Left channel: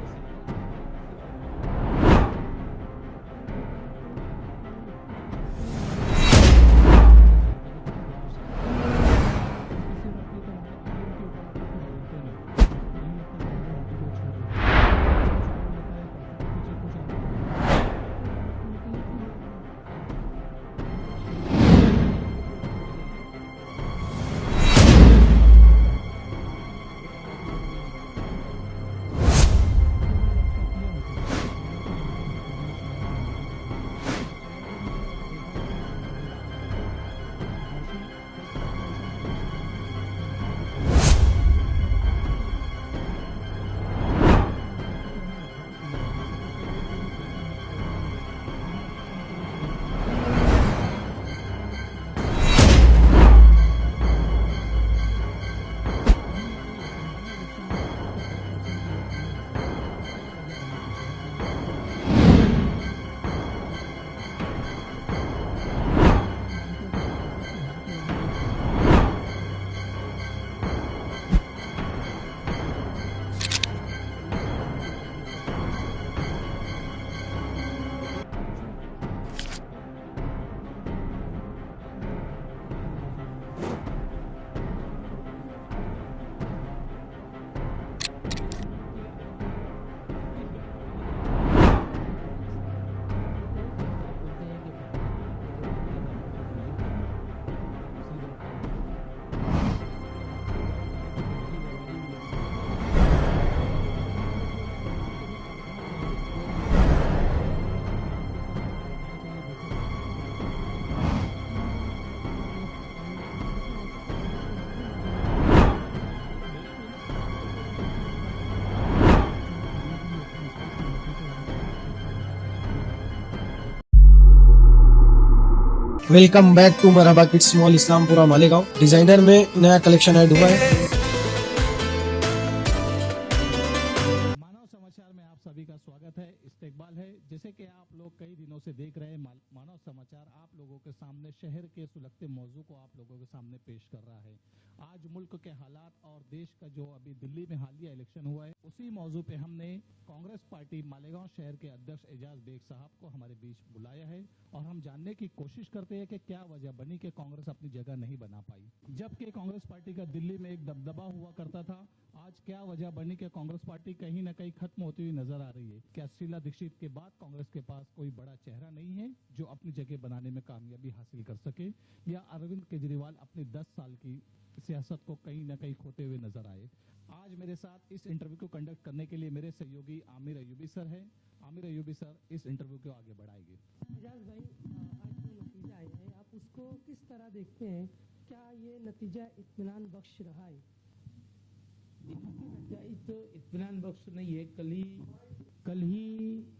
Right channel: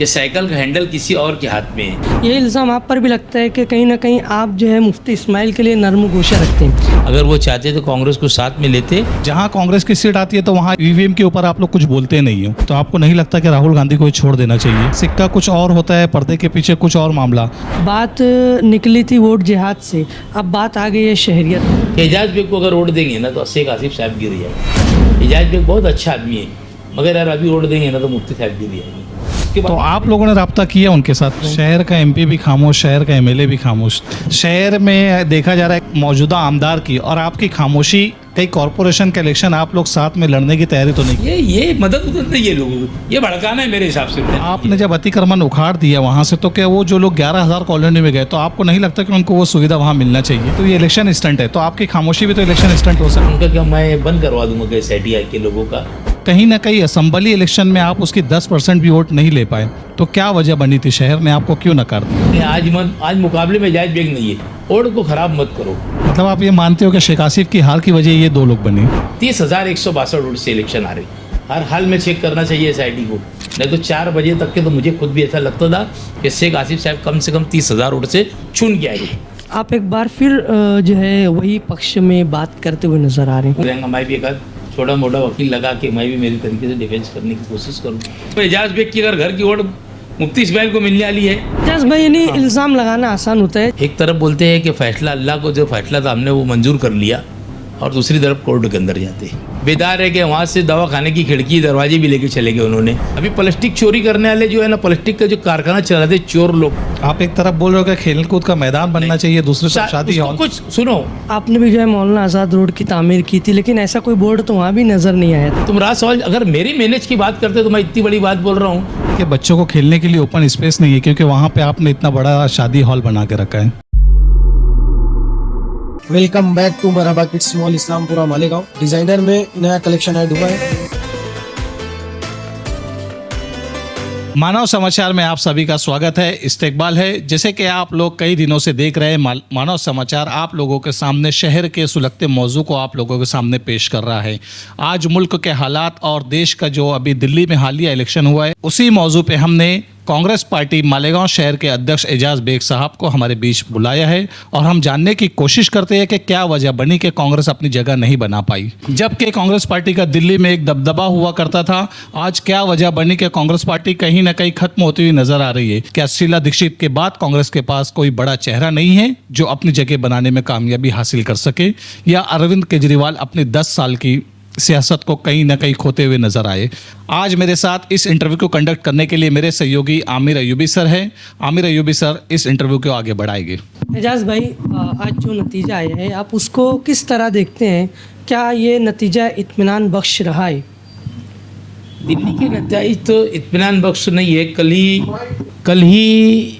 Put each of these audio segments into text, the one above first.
कि साइकिल का हैंडल किसी और के हाथ में है। ये इल्ज़ाम आप पर भी लगता है कि कहीं ना कहीं आप जो है मुफ्ती इस्माइल के लिए नरम गोशा रखते हैं? अगर वो चाहते तो कांग्रेस को साथ में लेते। जहां कांग्रेस की सीट आती है तो वहां ईवीएम के ऊपर आप लोग कुछ बोलते नहीं हो, तो आपको नहीं लगता कि राहुल गांधी को छोड़ देना चाहिए? सिक्का कुछ और होता है, पर्दे के पीछे कुछ और मामला। बात निकली थी वोट जिहाद से, अब बात आ गई है शहरियत। एजाज बेग को अगर वोट देंगे ना तो शेख आसिफ साहब गिर जाएंगे। एजाज बेग बहुत अच्छा आदमी है, मगर यार अभी वोट देंगे ना तो मुफ्ती साहब गिर जाएंगे। तो आप लोगों ने राब्ता किया उनके साथ? शहर का एमपी भी खामोश, शहर का एमएलए भी खामोश। शहर में देखा जा रहा है मौजूदा आमदार की और आपकी खामोशी, कई कॉरपोरेशन के इलेक्शन आप लोग साथ में लड़ने की तैयारी तो नहीं? ये मदद उदद नहीं है लोगों को, ये भड़काना है मेरे हिसाब से। आपने जब अतिक्रमण उखाड़ दिया वहां से, तो क्या वो जो लोग 11,000 कॉलोनी में गए, तो आपको नहीं लगता कि उनको वो सुविधा वहां मिलना चाहिए? तो ये इलेक्शन स्टंट है, तो आपकी खामोशी भी तो इलेक्शन स्टंट हो सकता है। उनका क्या मैं बंद करवा दूंगा कैसे आईटीआई के लोगों का। कहीं ना कहीं असम्बली इलेक्शन में आप उसकी 10% भी वोट नहीं ले पाए, तो क्या वजह बनी थी? शहर ने आपको क्यों नकार दिया? आज मुकाबले में एजाज बेग नहीं है, वोट को खराब मत करो। मतलब आप ये मानते हो कि शेख आसिफ की हार की वजह ये दो लोग बने? 30,162 वोट से इलेक्शन आ रही। हर हाल में चेक करना चाहिए एसआईटी को, नहीं तो 4 बजे तक के तो मुझे खुद भी ऐसा लगता था कि शेख आसिफ साहब कम से कम 30,000 वोट से चुन के आएंगे। आप एक बार फिर जो है वही पक्ष में बात करते हुए नजर आ रहे हैं। मैं भी एक छोटा मोटा वकील लगा के मैं भी मेरी तरीके से डिफेंस करने की कोशिश करूँ। तो एजाज बेग की अगर घर की वोट मुफ्ती इस्माइल को मिलने वाली है। एजाज भाई, यानी इल्ज़ाम लगाना आसान होता है। एक तरफ बोलते हैं कि फैसला अल्लाह को जो फैसला था हमने वो मंजूर कर लिया, और दूसरी तरफ कोर्ट के अंदर जाते हैं। बेदार है कि वहाँ से दवा खाने की खिड़की दरवाजे भी लेके चले गए उन्होंने। अभी प्लास्टिक चोरी करने वाले जो है ना, प्लास्टिक का जो कारखाना चला रहे चोर लोग। आप एक तरफ बोल रहे हो कि खेल कूद का मैदान बनना चाहिए, दूसरी तरफ शादी हॉल। कुछ सुनो, आपने भी जो है मौलाना आज़ाद रोड की तामीर की थी, लेकिन ऐसा कोई बोर्ड तो वहाँ भी नजर नहीं आया। तुम राज सवाल अगर मेरी मैनेज की बात करते तो मैं इतनी बड़ी बात बोल रहा हूँ कि बच्चों को खेलने के लिए ओपन स्पेस नहीं है, क्योंकि वहाँ पे आपने इतना बड़ा शादी हॉल बना के रखा है। Welcome back to Marhaba kids mall, Islampura Malegaon. Designer में नया कलेक्शन ऐड हुआ है। मानव समाचार में आप सभी का स्वागत है, इस्तकबाल है। जैसे कि आप लोग कई दिनों से देख रहे हैं, मानव समाचार आप लोगों के सामने शहर के सुलगते मौजू को आप लोगों के सामने पेश कर रहा है। आज मुल्क के हालात और देश का जो अभी दिल्ली में हालिया इलेक्शन हुआ है, उसी मौजू पे हमने कांग्रेस पार्टी मालेगांव शहर के अध्यक्ष एजाज बेग साहब को हमारे बीच बुलाया है और हम जानने की कोशिश करते हैं कि क्या वजह बनी कि कांग्रेस अपनी जगह नहीं बना पाई। जबकि कांग्रेस पार्टी का दिल्ली में एक दबदबा हुआ करता था, आज क्या वजह बनी कि कांग्रेस पार्टी कहीं ना कहीं खत्म होती हुई नजर आ रही है? क्या शीला दीक्षित के बाद कांग्रेस के पास कोई बड़ा चेहरा नहीं है जो अपनी जगह बनाने में कामयाबी हासिल कर सके, या अरविंद केजरीवाल अपने 10 साल की सियासत को कहीं ना कहीं खोते हुए नजर आए? आज मेरे साथ इस इंटरव्यू को कंडक्ट करने के लिए मेरे सहयोगी आमिर अयूबी सर हैं। आमिर अयूबी सर इस इंटरव्यू को आगे बढ़ाएंगे। एजाज भाई, आज जो नतीजा आया है आप उसको किस तरह देखते हैं? क्या ये नतीजा इत्मीनान बख्श रहा है? दिल्ली के नतीजे तो इत्मीनान बख्श नहीं है। कल ही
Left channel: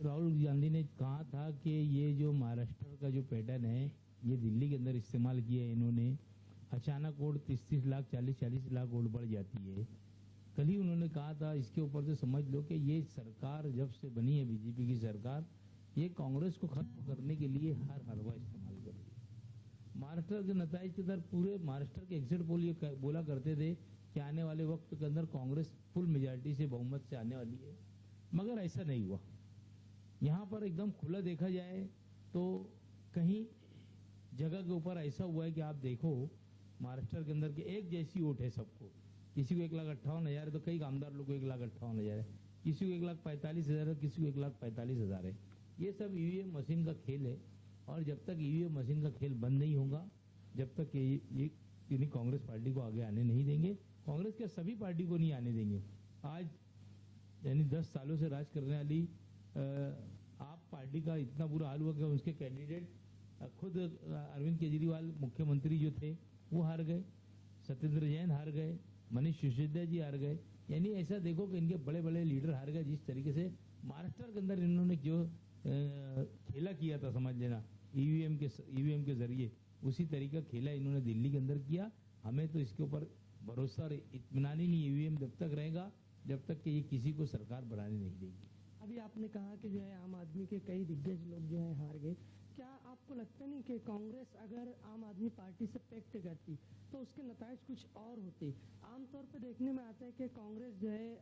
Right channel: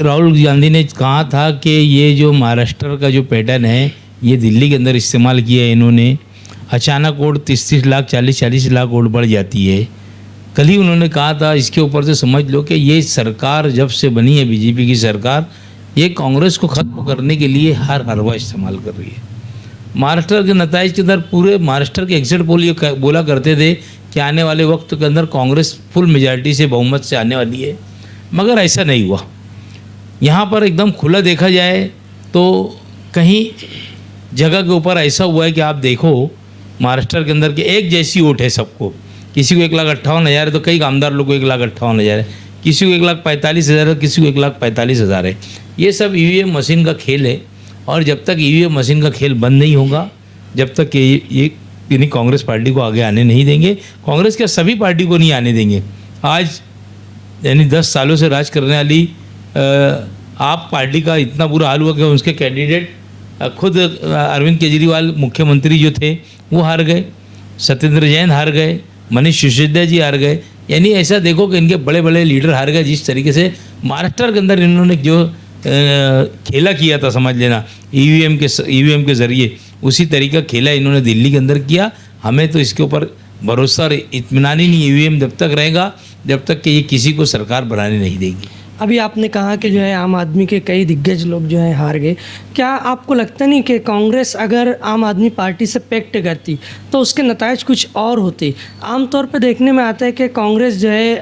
राहुल गांधी ने कहा था कि ये जो महाराष्ट्र का जो पैटर्न है ये दिल्ली के अंदर इस्तेमाल किया है इन्होंने। अचानक वोट 30 लाख 40 लाख वोट बढ़ जाती है। कल ही उन्होंने कहा था, इसके ऊपर से समझ लो कि ये सरकार जब से बनी है बीजेपी की सरकार, ये कांग्रेस को ख़त्म करने के लिए हर हरवा इस्तेमाल कर रही है। महाराष्ट्र के नतीजे के अंदर पूरे महाराष्ट्र के एग्जिट पोल ये बोला करते थे कि आने वाले वक्त के अंदर कांग्रेस फुल मेजॉरिटी से बहुमत से आने वाली है, मगर ऐसा नहीं हुआ। यहाँ पर एकदम खुला देखा जाए तो कहीं जगह के ऊपर ऐसा हुआ है कि आप देखो महाराष्ट्र के अंदर के एक जैसी वोट है सबको। किसी को 1,58,000 है तो कई आमदार लोग को 1,58,000 है, किसी को 1,45,000 है, किसी को 1,45,000 है। ये सब ईवीएम मशीन का खेल है, और जब तक ईवीएम मशीन का खेल बंद नहीं होगा, जब तक ये यानी कांग्रेस पार्टी को आगे आने नहीं देंगे। कांग्रेस के सभी पार्टी को नहीं आने देंगे। आज यानी 10 सालों से राज करने वाली आप पार्टी का इतना बुरा हाल हुआ कि उसके कैंडिडेट खुद अरविंद केजरीवाल मुख्यमंत्री जो थे वो हार गए, सत्येंद्र जैन हार गए, मनीष सिसोदिया जी हार गए। यानी ऐसा देखो कि इनके बड़े बड़े लीडर हार गए। जिस तरीके से महाराष्ट्र के अंदर इन्होंने जो खेला किया था, समझ लेना ईवीएम के ज़रिए, उसी तरीका खेला इन्होंने दिल्ली के अंदर किया। हमें तो इसके ऊपर भरोसा और इत्मीनान ही नहीं। ईवीएम जब तक रहेगा जब तक कि ये किसी को सरकार बनाने नहीं देगी। अभी आपने कहा कि जो है आम आदमी के कई दिग्गज लोग जो है हार गए। क्या आपको लगता नहीं कि कांग्रेस अगर आम आदमी पार्टी से पैक्ट करती तो उसके नतायज कुछ और होते? आमतौर पर देखने में आता है कि कांग्रेस जो है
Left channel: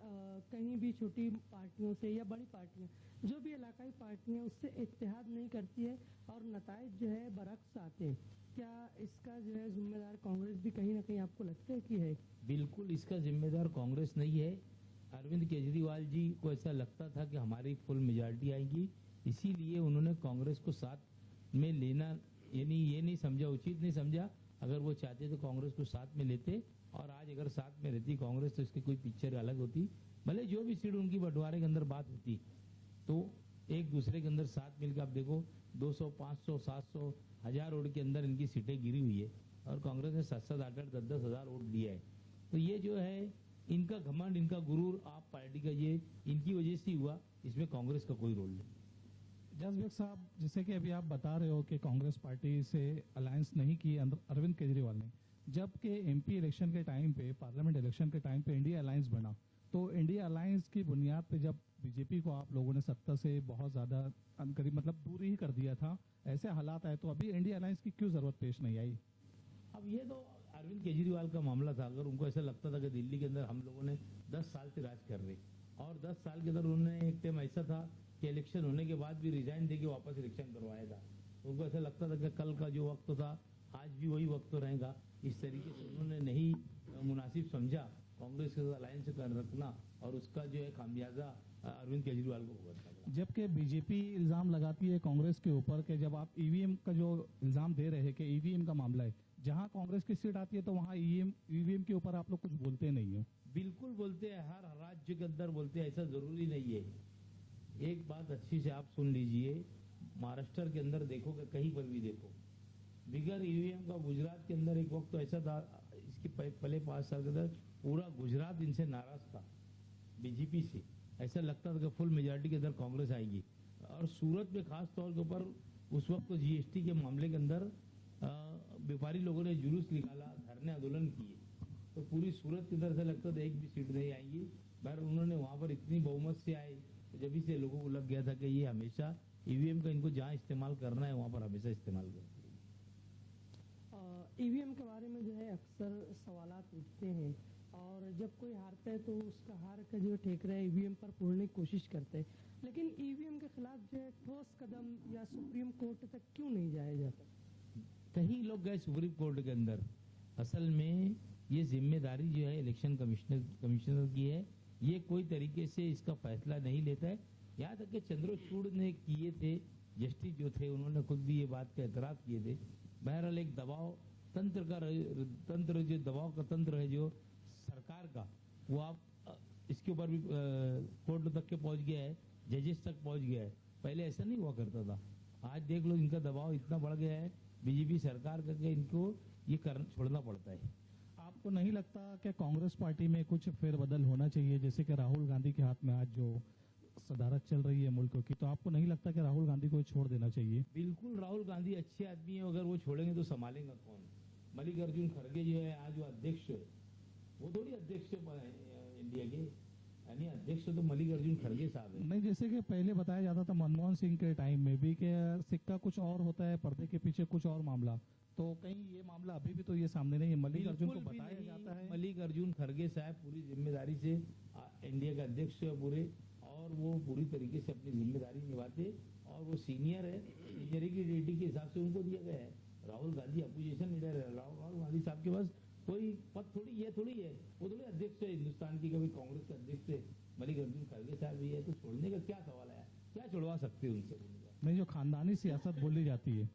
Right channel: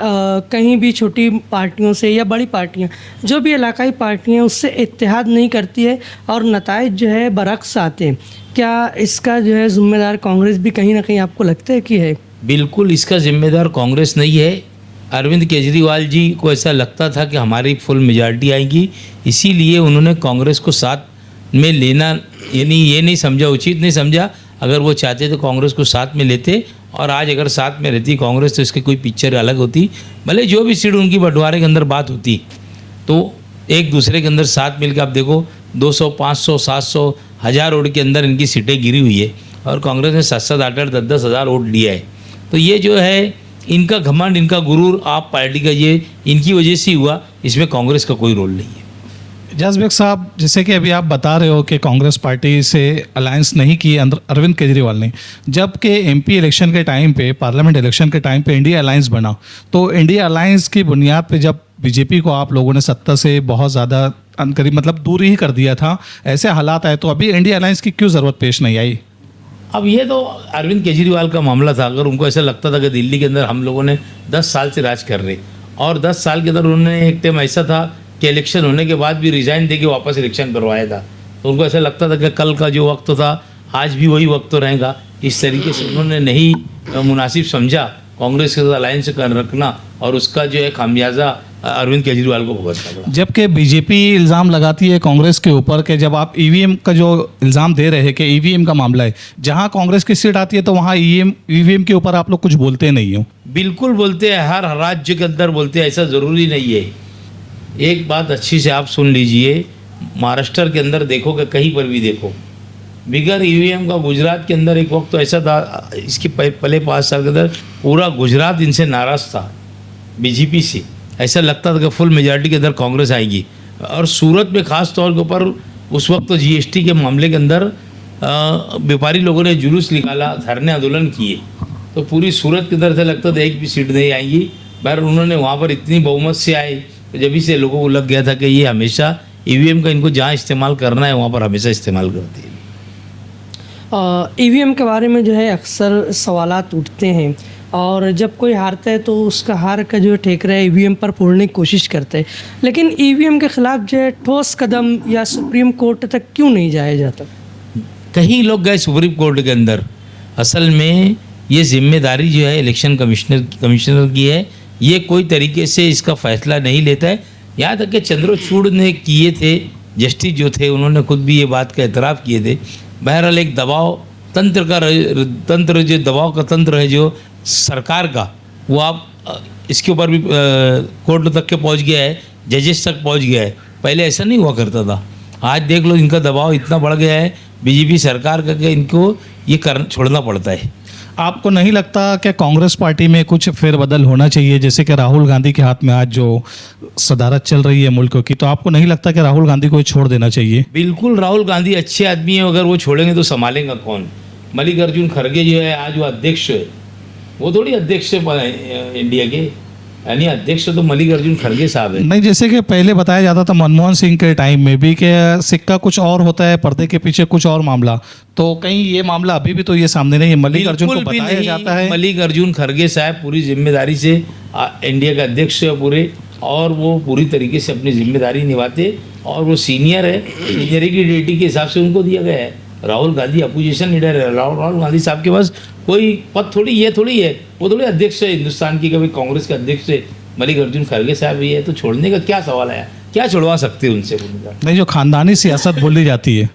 कहीं भी छोटी पार्टियों से या बड़ी पार्टियां जो भी इलाकाई पार्टियां उससे इत्तेहाद नहीं करती है और नतायज जो है बरक्स आते हैं। क्या इसका जो है जिम्मेदार कांग्रेस भी कहीं ना कहीं आपको लगता है कि है? बिल्कुल इसका जिम्मेदार कांग्रेस नहीं है। अरविंद केजरीवाल जी को ऐसा लगता था कि हमारी फुल मेजॉरिटी आएगी, इसीलिए उन्होंने कांग्रेस को साथ में लेना यानी ये नहीं समझा, उचित नहीं समझा। अगर वो चाहते तो कांग्रेस को साथ में लेते, और आज अगर साथ में रहती कांग्रेस तो इसकी कोई पिक्चर अलग होती। भले जो भी सीट उनकी बंटवारे के अंदर बात होती तो एक दूसरे के अंदर साथ मिलकर आप देखो 200, 500, 700, 1000 वोट के अंदर इनकी सीटें गिरी हुई है और कांग्रेस ने 7-7, 8-8, 10-10 हज़ार वोट लिया है। तो ये जो है इनका घमंड, इनका गुरूर आप पार्टी का ये इनकी वजह से हुआ, इसमें कांग्रेस का कोई रोल नहीं है। एजाज बेग साहब, जैसे कि अभी आप बता रहे हो कि कांग्रेस पार्टी से अलायंस नहीं की अरविंद केजरीवाल ने, जबकि एमपी इलेक्शन के टाइम पे, पार्लियामेंट इलेक्शन के टाइम पे इंडिया अलायंस बना, तो इंडिया अलायंस की बुनियाद पे जब बीजेपी को आप लोगों ने सत्ता से बहुत ज़्यादा अनकरीब मतलब दूर ही कर दिया था, ऐसे हालात आए तो अभी इंडिया अलायंस की क्यों ज़रूरत पेश नहीं आई? अब ये तो अरविंद केजरीवाल का मामला था। अगर उनको ऐसा लगता था कि दिल्ली के अंदर हम लोगों ने 10 साल से राज कर रहे और 10 साल के अंदर उन्होंने एक टाइम ऐसा था कि इलेक्शन होने के बाद भी रिज़ाइन दे के वापस इलेक्शन करवाया था, तो उनको ऐसा लगता था कि कल का जो वक्त था आज भी वही वक्त तो रहेगा। इस तरीके से उन्होंने नहीं मुनासिब समझा कांग्रेस के साथ अलायंस कर रखना, और उसका जो है खामियाजा अरविंद केजरीवाल को भुगतना पड़ा। जबकि बीजेपी इल्ज़ाम लगाती है कांग्रेस के ऊपर कि जब आप ईवीएम का जो इल्ज़ाम दे रहे हैं कि ईवीएम का मामला है, जहां कांग्रेस की सीट आती है तो वहां ईवीएम के ऊपर आप लोग कुछ बोलते नहीं हो। बिल्कुल बोलते हैं, हर राज्य के अंदर बोलते हैं, ऐसा ज़रूरी नहीं है। एक बात अच्छी से आप सुन लीजिए, महाराष्ट्र के अंदर देखो कि कहीं पर भी देखो बिगर ईवीएम का गुजरात के अंदर एक वक्त तो ऐसा था, इसके पहले 5 साल के अंदर पूरा गुजरात इनसे नाराज़ था बीजेपी से। ऐसा लगता था कि फुल मेजॉरिटी के अंदर कांग्रेस आएगी। और सूरत में ख़ास तौर के ऊपर उस वक्त तो जीएसटी के मामले के अंदर व्यापारी लोगों ने जुलूस निकाला, धरने आंदोलन किए, तो पूरी सूरत के अंदर से लगता था एक भी सीट नहीं आएगी। बहर उन्होंने वहाँ पर इतनी बहुमत से आए, तो जब से लोगों को लग गया था कि ये हमेशा ईवीएम का इनको जहाँ इस्तेमाल करना है वहाँ पर हमेशा इस्तेमाल करते हैं। ईवीएम के बारे में जो है अक्सर सवालात उठते हैं, और जब कोई हारता है तो उसका हार का जो ठेकरा है ईवीएम पर फोड़ने की कोशिश करता है, लेकिन ईवीएम के खिलाफ जो है ठोस कदम या सुप्रीम कोर्ट तक क्यों नहीं जाया जाता? कहीं लोग गए सुप्रीम कोर्ट के अंदर, असल में ये जिम्मेदारी जो है इलेक्शन कमिश्नर की है, ये कोई तरीके से इसका फैसला नहीं लेता है। यहाँ तक कि चंद्रचूड़ ने किए थे, जस्टिस जो थे उन्होंने खुद भी ये बात का एतराफ़ किए थे। बहरहाल एक दबाव तंत्र जो दबाव का तंत्र है जो सरकार का, वो आप इसके ऊपर भी कोर्ट तक के पहुंच गया है, जजेस तक पहुंच गया है। पहले ऐसा नहीं हुआ करता था। आज देख लो इनका दबाव इतना बढ़ गया है बीजेपी सरकार का कि इनको ये छोड़ना पड़ता है। आपको नहीं लगता कि कांग्रेस पार्टी में कुछ फेरबदल होना चाहिए? जैसे कि राहुल गांधी के हाथ में आज जो सदारत चल रही है मुल्क की, तो आपको नहीं लगता कि राहुल गांधी को छोड़ देना चाहिए? बिल्कुल, राहुल गांधी अच्छे आदमी हैं, अगर वो छोड़ेंगे तो संभालेगा कौन? मल्लिकार्जुन खड़गे जो है आज वो अध्यक्ष है, वो थोड़ी अध्यक्ष है इंडिया के, यानी अध्यक्ष तो मल्लिकार्जुन खड़गे साहब है। नहीं, जैसे कि पहले बताया जाता था मनमोहन सिंह के टाइम में भी कि सिक्का कुछ और होता है, पर्दे के पीछे कुछ और मामला, तो कहीं ये मामला अभी भी तो ये सामने नहीं है। मल्लिकार्जुन को बताया जाता है, मल्लिकार्जुन खड़गे साहब पूरी जिम्मेदारी से इंडिया का अध्यक्ष है पूरे, और वो पूरी तरीके से अपनी जिम्मेदारी निभाते, और वो सीनियर है, सीनियरी की ड्यूटी के हिसाब से उनको दिया गया है। राहुल गांधी अपोजिशन लीडर है, राहुल गांधी साहब के पास कोई पद थोड़ी ये थोड़ी है, वो थोड़ी अध्यक्ष है हिंदुस्तान की, कभी कांग्रेस के अध्यक्ष है मल्लिकार्जुन खड़गे साहब ही है, तो छोड़ने का क्या सवाल है? क्या छुड़वा सकते हैं उनसे? नहीं, जो खानदानी सियासत बोली जाती है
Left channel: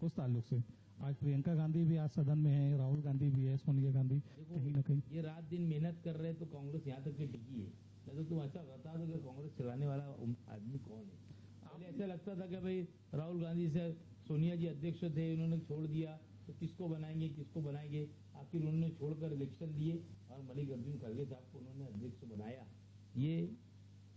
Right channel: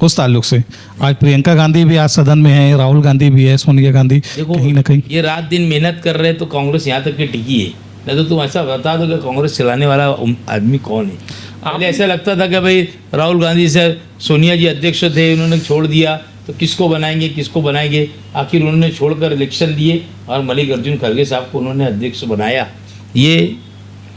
उस ताल्लुक से, आज प्रियंका गांधी भी आज सदन में है, राहुल गांधी भी है, सोनिया गांधी, कहीं ना कहीं ये रात दिन मेहनत कर रहे हैं तो कांग्रेस यहाँ तक के टिकी है। नहीं तो तुम ऐसा बता दो कि कांग्रेस चलाने वाला आदमी कौन है? पहले ऐसा लगता था कि भाई राहुल गांधी से सोनिया जी अध्यक्ष थे, उन्होंने छोड़ दिया तो किसको बनाएंगे। आखिर उन्होंने छोड़कर इलेक्शन दिए और मल्लिकार्जुन खड़गे साहब को उन्होंने अध्यक्ष बनाया। ये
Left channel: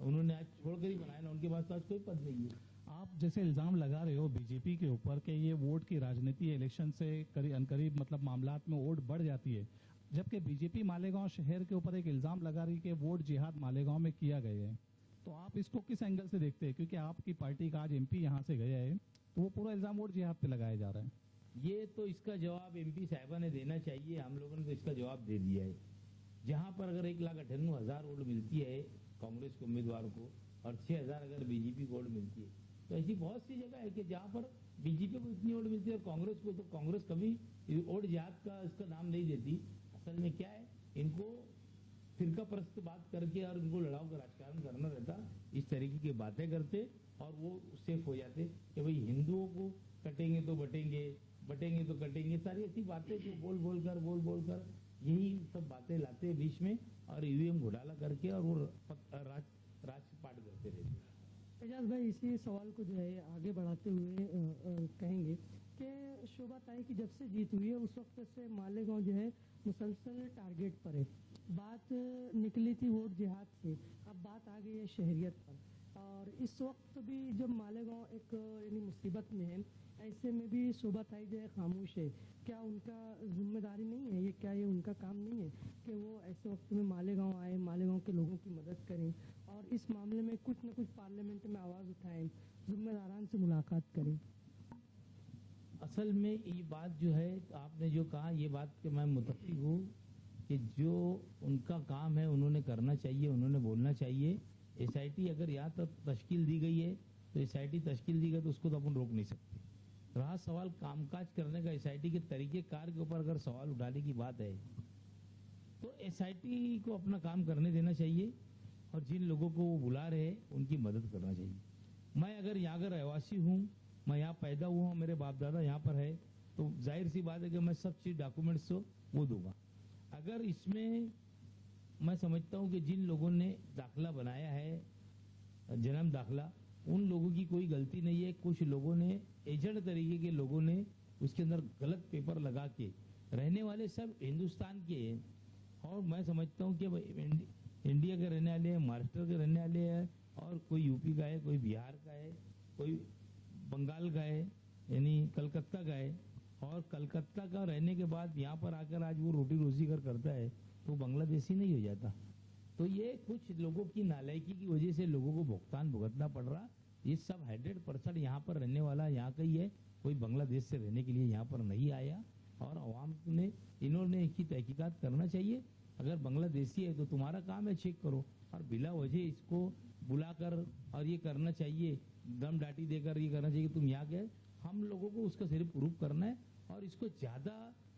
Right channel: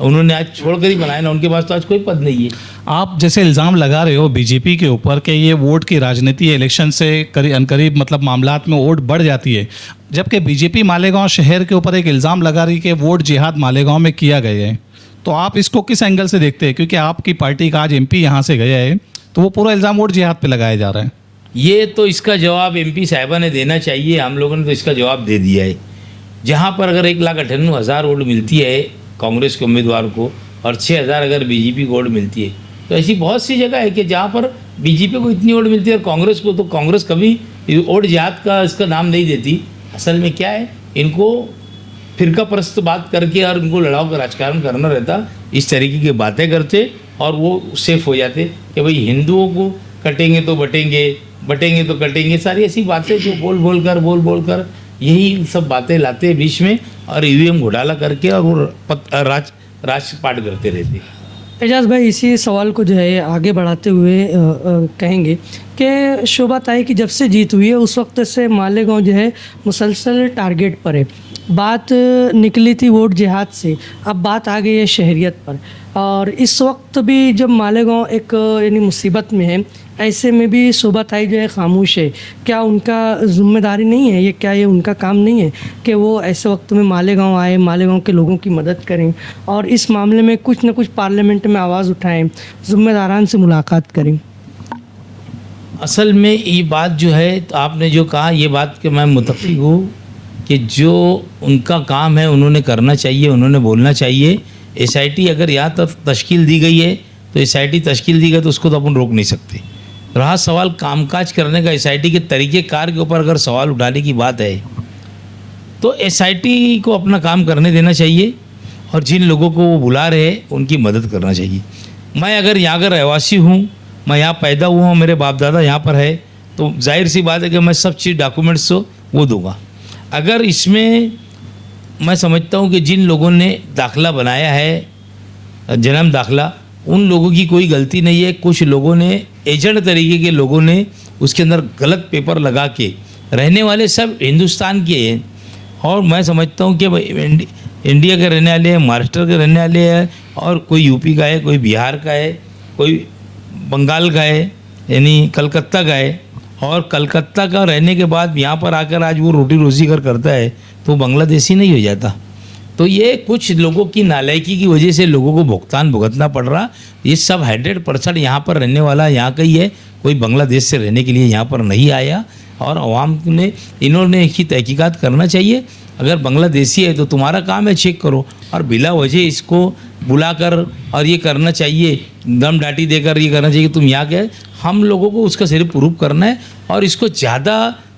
उन्होंने आज छोड़कर ही बनाया ना, उनके पास तो आज कोई पद नहीं है। आप जैसे इल्ज़ाम लगा रहे हो बीजेपी के ऊपर कि ये वोट की राजनीति है, इलेक्शन से अनकरीब मतलब मामलात में वोट बढ़ जाती है, जबकि बीजेपी मालेगांव शहर के ऊपर एक इल्ज़ाम लगा रही है कि वोट जिहाद मालेगांव में किया गया है, तो आप इसको किस एंगल से देखते हैं, क्योंकि आपकी पार्टी का आज एमपी यहाँ से गया है तो वो पूरा इल्ज़ाम वोट जिहाद पे लगाया जा रहा है। ये तो इसका जवाब एमपी साहिबा ने देना चाहिए, हम लोगों ने तो इसका जवाब दे दिया है। जहाँ पर अगर 1,98,000 वोट मिलती है कांग्रेस के उम्मीदवार को और 6,000 अगर बीजेपी को वोट मिलती है, तो ऐसी बहुत सी जगह है कि जहाँ पर बीजेपी को इतनी वोट मिलती है और कांग्रेस को, तो कांग्रेस कभी वोट जिहाद का इसका नाम नहीं देती। असल में क्या है, इनको फिरका परस्त बात करके और उनको लड़ाओ का राजकारण करना रहता, इस तरीके की बातें करते और वो सेफ हो जाते कि भाई हिंदुओं को कटेंगे तो बटेंगे, बटेंगे तो कटेंगे, सारी ऐसी बातें जो बोल बोल कर यही सब बातें लाते हैं बीच में और ईवीएम घोटाला करके और वो राजपाट करते रहते। एजाज भाई, इसी सवाल को जो है आगे बढ़ाते हुए कहेंगे कि शोभा ताई की जब से जीत हुई है उस वक्त से मालेगांव जो है मुसलसल टारगेट पर है। बात निकली थी वोट जिहाद से, अब बात आ गई है शहरियत पर, और इस वक्त भी जब मालेगांव एक यानी मुसीबत में है, ऐसे में भी शोभा ताई जो है खामोश है। क्या उनका जिम्मेदारी नहीं है ये, क्या ये उनका काम नहीं है कि वो ऐसे वक्त में मालेगांव आए, मालेगांव के लोगों की मदद करें और इस मामले में कुछ न कुछ पार्लियामेंट में आवाज़ उठाएं, जिम्मेदारान से मुलाकात करें? असल में ये बात जो है, तो आपने जो कहा ये बात कि मैं मुतफ़िक हूँ कि जो उनका काम है उन्होंने करना चाहिए, उन्होंने बोलना चाहिए। एसआईटी अगर यहाँ तक तश्कील दी गई है तो एसआईटी तश्कील दी गई तो उसको तो अपन रोक नहीं सकते। रहा सवाल कामकाज करने का, एसआईटी के तरीक़ेकार के ऊपर अगर सवाल उठाने की बात है तो एसआईटी को अपना काम करने देना चाहिए और जिन लोगों को वो बुला रहे हैं उनकी मदद करना चाहिए। मैं अगर यहाँ का रहवासी हूँ, मैं यहाँ पैदा हुआ हूँ, मेरे बाप दादा यहाँ पर है, तो जाहिर सी बात है कि मैं सब चीज़ डॉक्यूमेंट्स वो दूंगा। अगर इसमें मैं समझता हूँ कि जिन लोगों ने दाखला बनाया है, जन्म दाखला, उन लोगों की कोई गलती नहीं है। कुछ लोगों ने, एजेंट तरीके के लोगों ने उसके अंदर गलत पेपर लगा के, रहने वाले सब हिंदुस्तान के हैं और मैं समझता हूँ कि इंडिया के रहने वाले हैं, महाराष्ट्र के रहने वाले हैं और कोई यूपी का है, कोई बिहार का है, कोई बंगाल का है, यानी कलकत्ता का है, और कलकत्ता का रहने के बाद यहाँ पर आकर आज वो रोटी रोजी करता है तो बांग्लादेशी नहीं हो जाता। तो ये कुछ लोगों की नालायकी की वजह से लोगों को भुगतान भुगतना पड़ रहा। ये सब 100% यहाँ पर रहने वाला यहाँ का ही है, कोई बांग्लादेश से रहने के लिए यहाँ पर नहीं आया। और अवाम ने, इन्होंने एक ही तहकीकात करना चाहिए। अगर बांग्लादेशी है तो तुम्हारा काम है चेक करो, और बिला वजह इसको बुलाकर और ये करना चाहिए, दम डाटी देकर ये करना चाहिए कि तुम यहाँ के। हम लोगों को उसका सिर्फ प्रूफ करना है और इसको ज़्यादा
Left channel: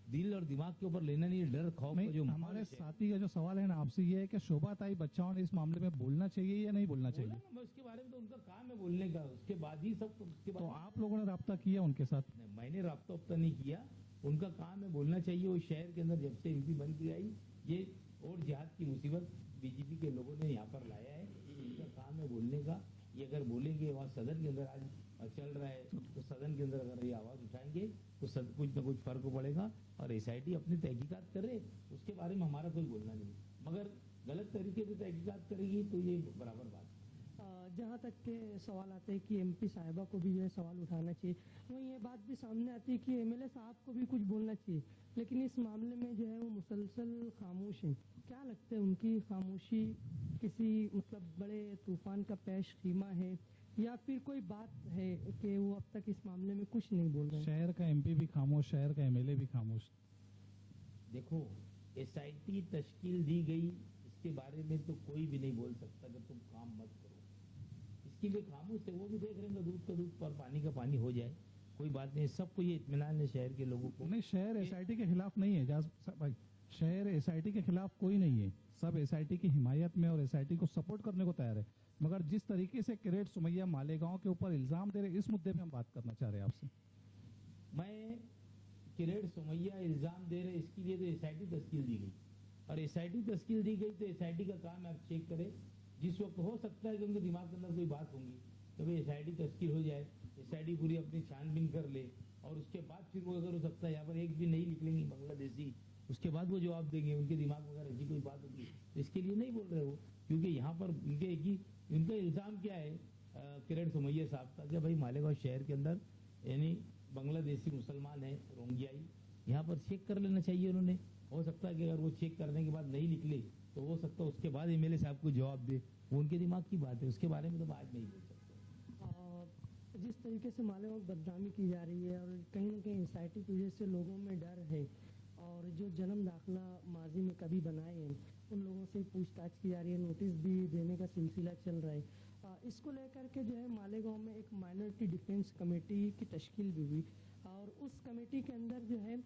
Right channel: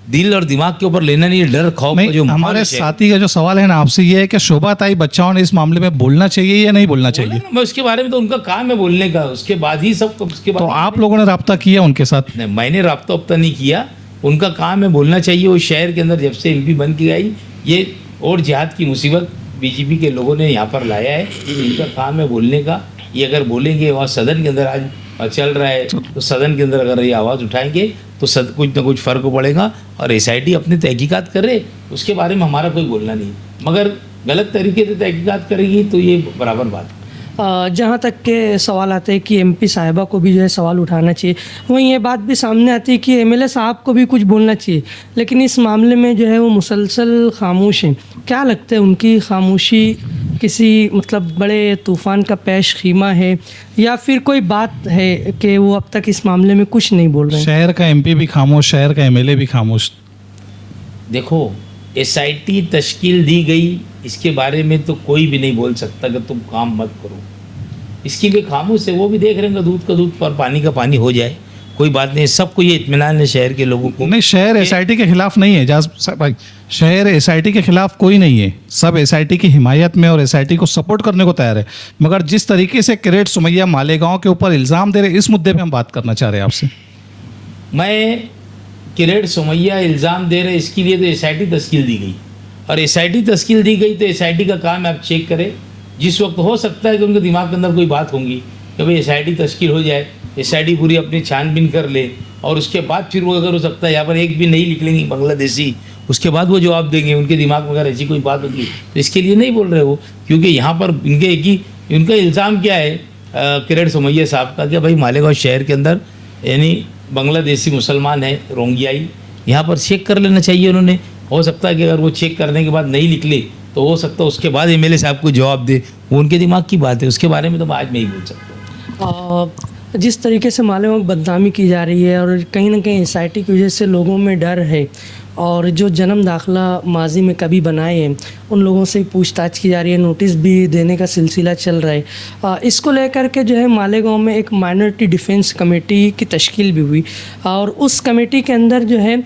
दिल और दिमाग के ऊपर लेना नहीं है। डर खौफ का जो हमारे साथी का जो सवाल है ना आपसे ये है कि शोभा ताई बच्चाओं ने इस मामले में बोलना चाहिए या नहीं बोलना चाहिए? मैं उसके बारे में, तो उनका काम है बोलने का, उसके बाद ही सब, उसके बाद तो आप लोगों ने रब्ता किया उनके साथ? नहीं, मैंने रब्ता वब्ता नहीं किया, उनका काम है बोलना चाहिए। वो शहर के अंदर जब से एमपी बन के आई, ये और जिहाद की मुसीबत बीजेपी के लोगों ने यहाँ पर लाया है, इनका काम है बोलने का। ये अगर बोलेंगे, वहाँ सदन के अंदर आज चल रहा है तो सदन के अंदर अगर ये आवाज़ उठाएंगे तो कुछ ना कुछ फ़र्क पड़ेगा। और एसआईटी अपनी तहकीकात करे, उसके बारे में हमारा कोई बोलना नहीं, मगर गलत तरीके से तहकीकात करेगी तो ये बराबर बात है। जहाँ तक के सवाल आते हैं कि एमपी साहिबा को भी जो है सवाल उठाना चाहिए, वहीं ये बात भी सामने आती है कि एमएलए साहब को भी कुछ बोलना चाहिए, लेकिन इस मामले में जो है वो मुसलसल खामोश हैं। क्या लगता है, उनकी खामोशी किसी मतलब बड़े तूफ़ान का पेश खीमा है या फिर कोई बात है कि वो अब तक इस मामले में कुछ नहीं बोल रहे हैं? शहर का एमपी भी खामोश, शहर का एमएलए भी खामोश। देखो, एसआईटी तश्कील दी गई, इसके बारे में तो कोई भी नहीं बोल सकता कि तुम काम मत करो। इसकी भी खामोश है, वो भी देख रहे हैं दूध का दूध और पानी का पानी हो जाए, कोई बात नहीं। सबको ये इत्मीनान है शहर के लोगों को। नहीं, शहर एसआईटी के खिलाफ नहीं है जाज भाई, शहर एसआईटी के खिलाफ कोई नहीं है, सब एसआईटी की हिमायत में और एसआईटी को सपोर्ट करने को तैयार है। मगर जिस तरीके से किरेट सुमैया मालेगांव के ऊपर इल्ज़ाम दे रहे, इस मुद्दे पे हम बात करना चाह रहे हैं आपसे। मैं किरेट सुमैया इल्ज़ाम दे रहे, इसके लिए तो एसआईटी तश्कील दी गई, और एसआईटी तश्कील दी गई तो एसआईटी का काम है आप चेक करें। जिस वक्त हो सकता है कि उनके दिमाग के अंदर कोई बात होंगी कि भाई एसआईटी तश्कील हो जाए, एसआईटी पूरी अपनी छानबीन कर ले, और उसके बाद फिर वो अगर हो सकता है यहाँ पर एक भी नहीं निकलेंगी बांग्लादेशी, उसके बाद वो जवाब देंगे। उनके दिमाग में अगर ऐसी कोई बात होगी तो इसके लिए नहीं बोल रहे वो, क्योंकि यहाँ पर इनके एक ही इनका इल्ज़ाम क्या है किरेट सुमैया साहब का कि भाई मालेगांव शहर के अंदर यानी बांग्लादेशी मुसलमान है, रोंगियाई, यहाँ पर चेक कर लेना चाहिए उन्होंने। हो सकता है कि अगर वो चेक करने के बाद नहीं निकले तो हो सकता है उसके बाद एमएलए साहब को जवाब दे, वो उनके दिमाग की बात है, उसके बारे में तो मैं आज नहीं बोल सकता हूँ। जिस तरीके से मालेगांव की बदनामी की जा रही है और कहीं ना कहीं एसआईटी की वजह से लोगों में डर है, और जो जन्म दाखला माजी में कभी बनाए हैं उन लोगों से पूछताछ की जा रही है, नोटिस भी देने का सिलसिला चल रहा है। इसको लेकर के जो है मालेगांव में एक माइनॉरिटी डिफेंस कमेटी की तश्कील भी हुई, और उस कमेटी के अंदर जो है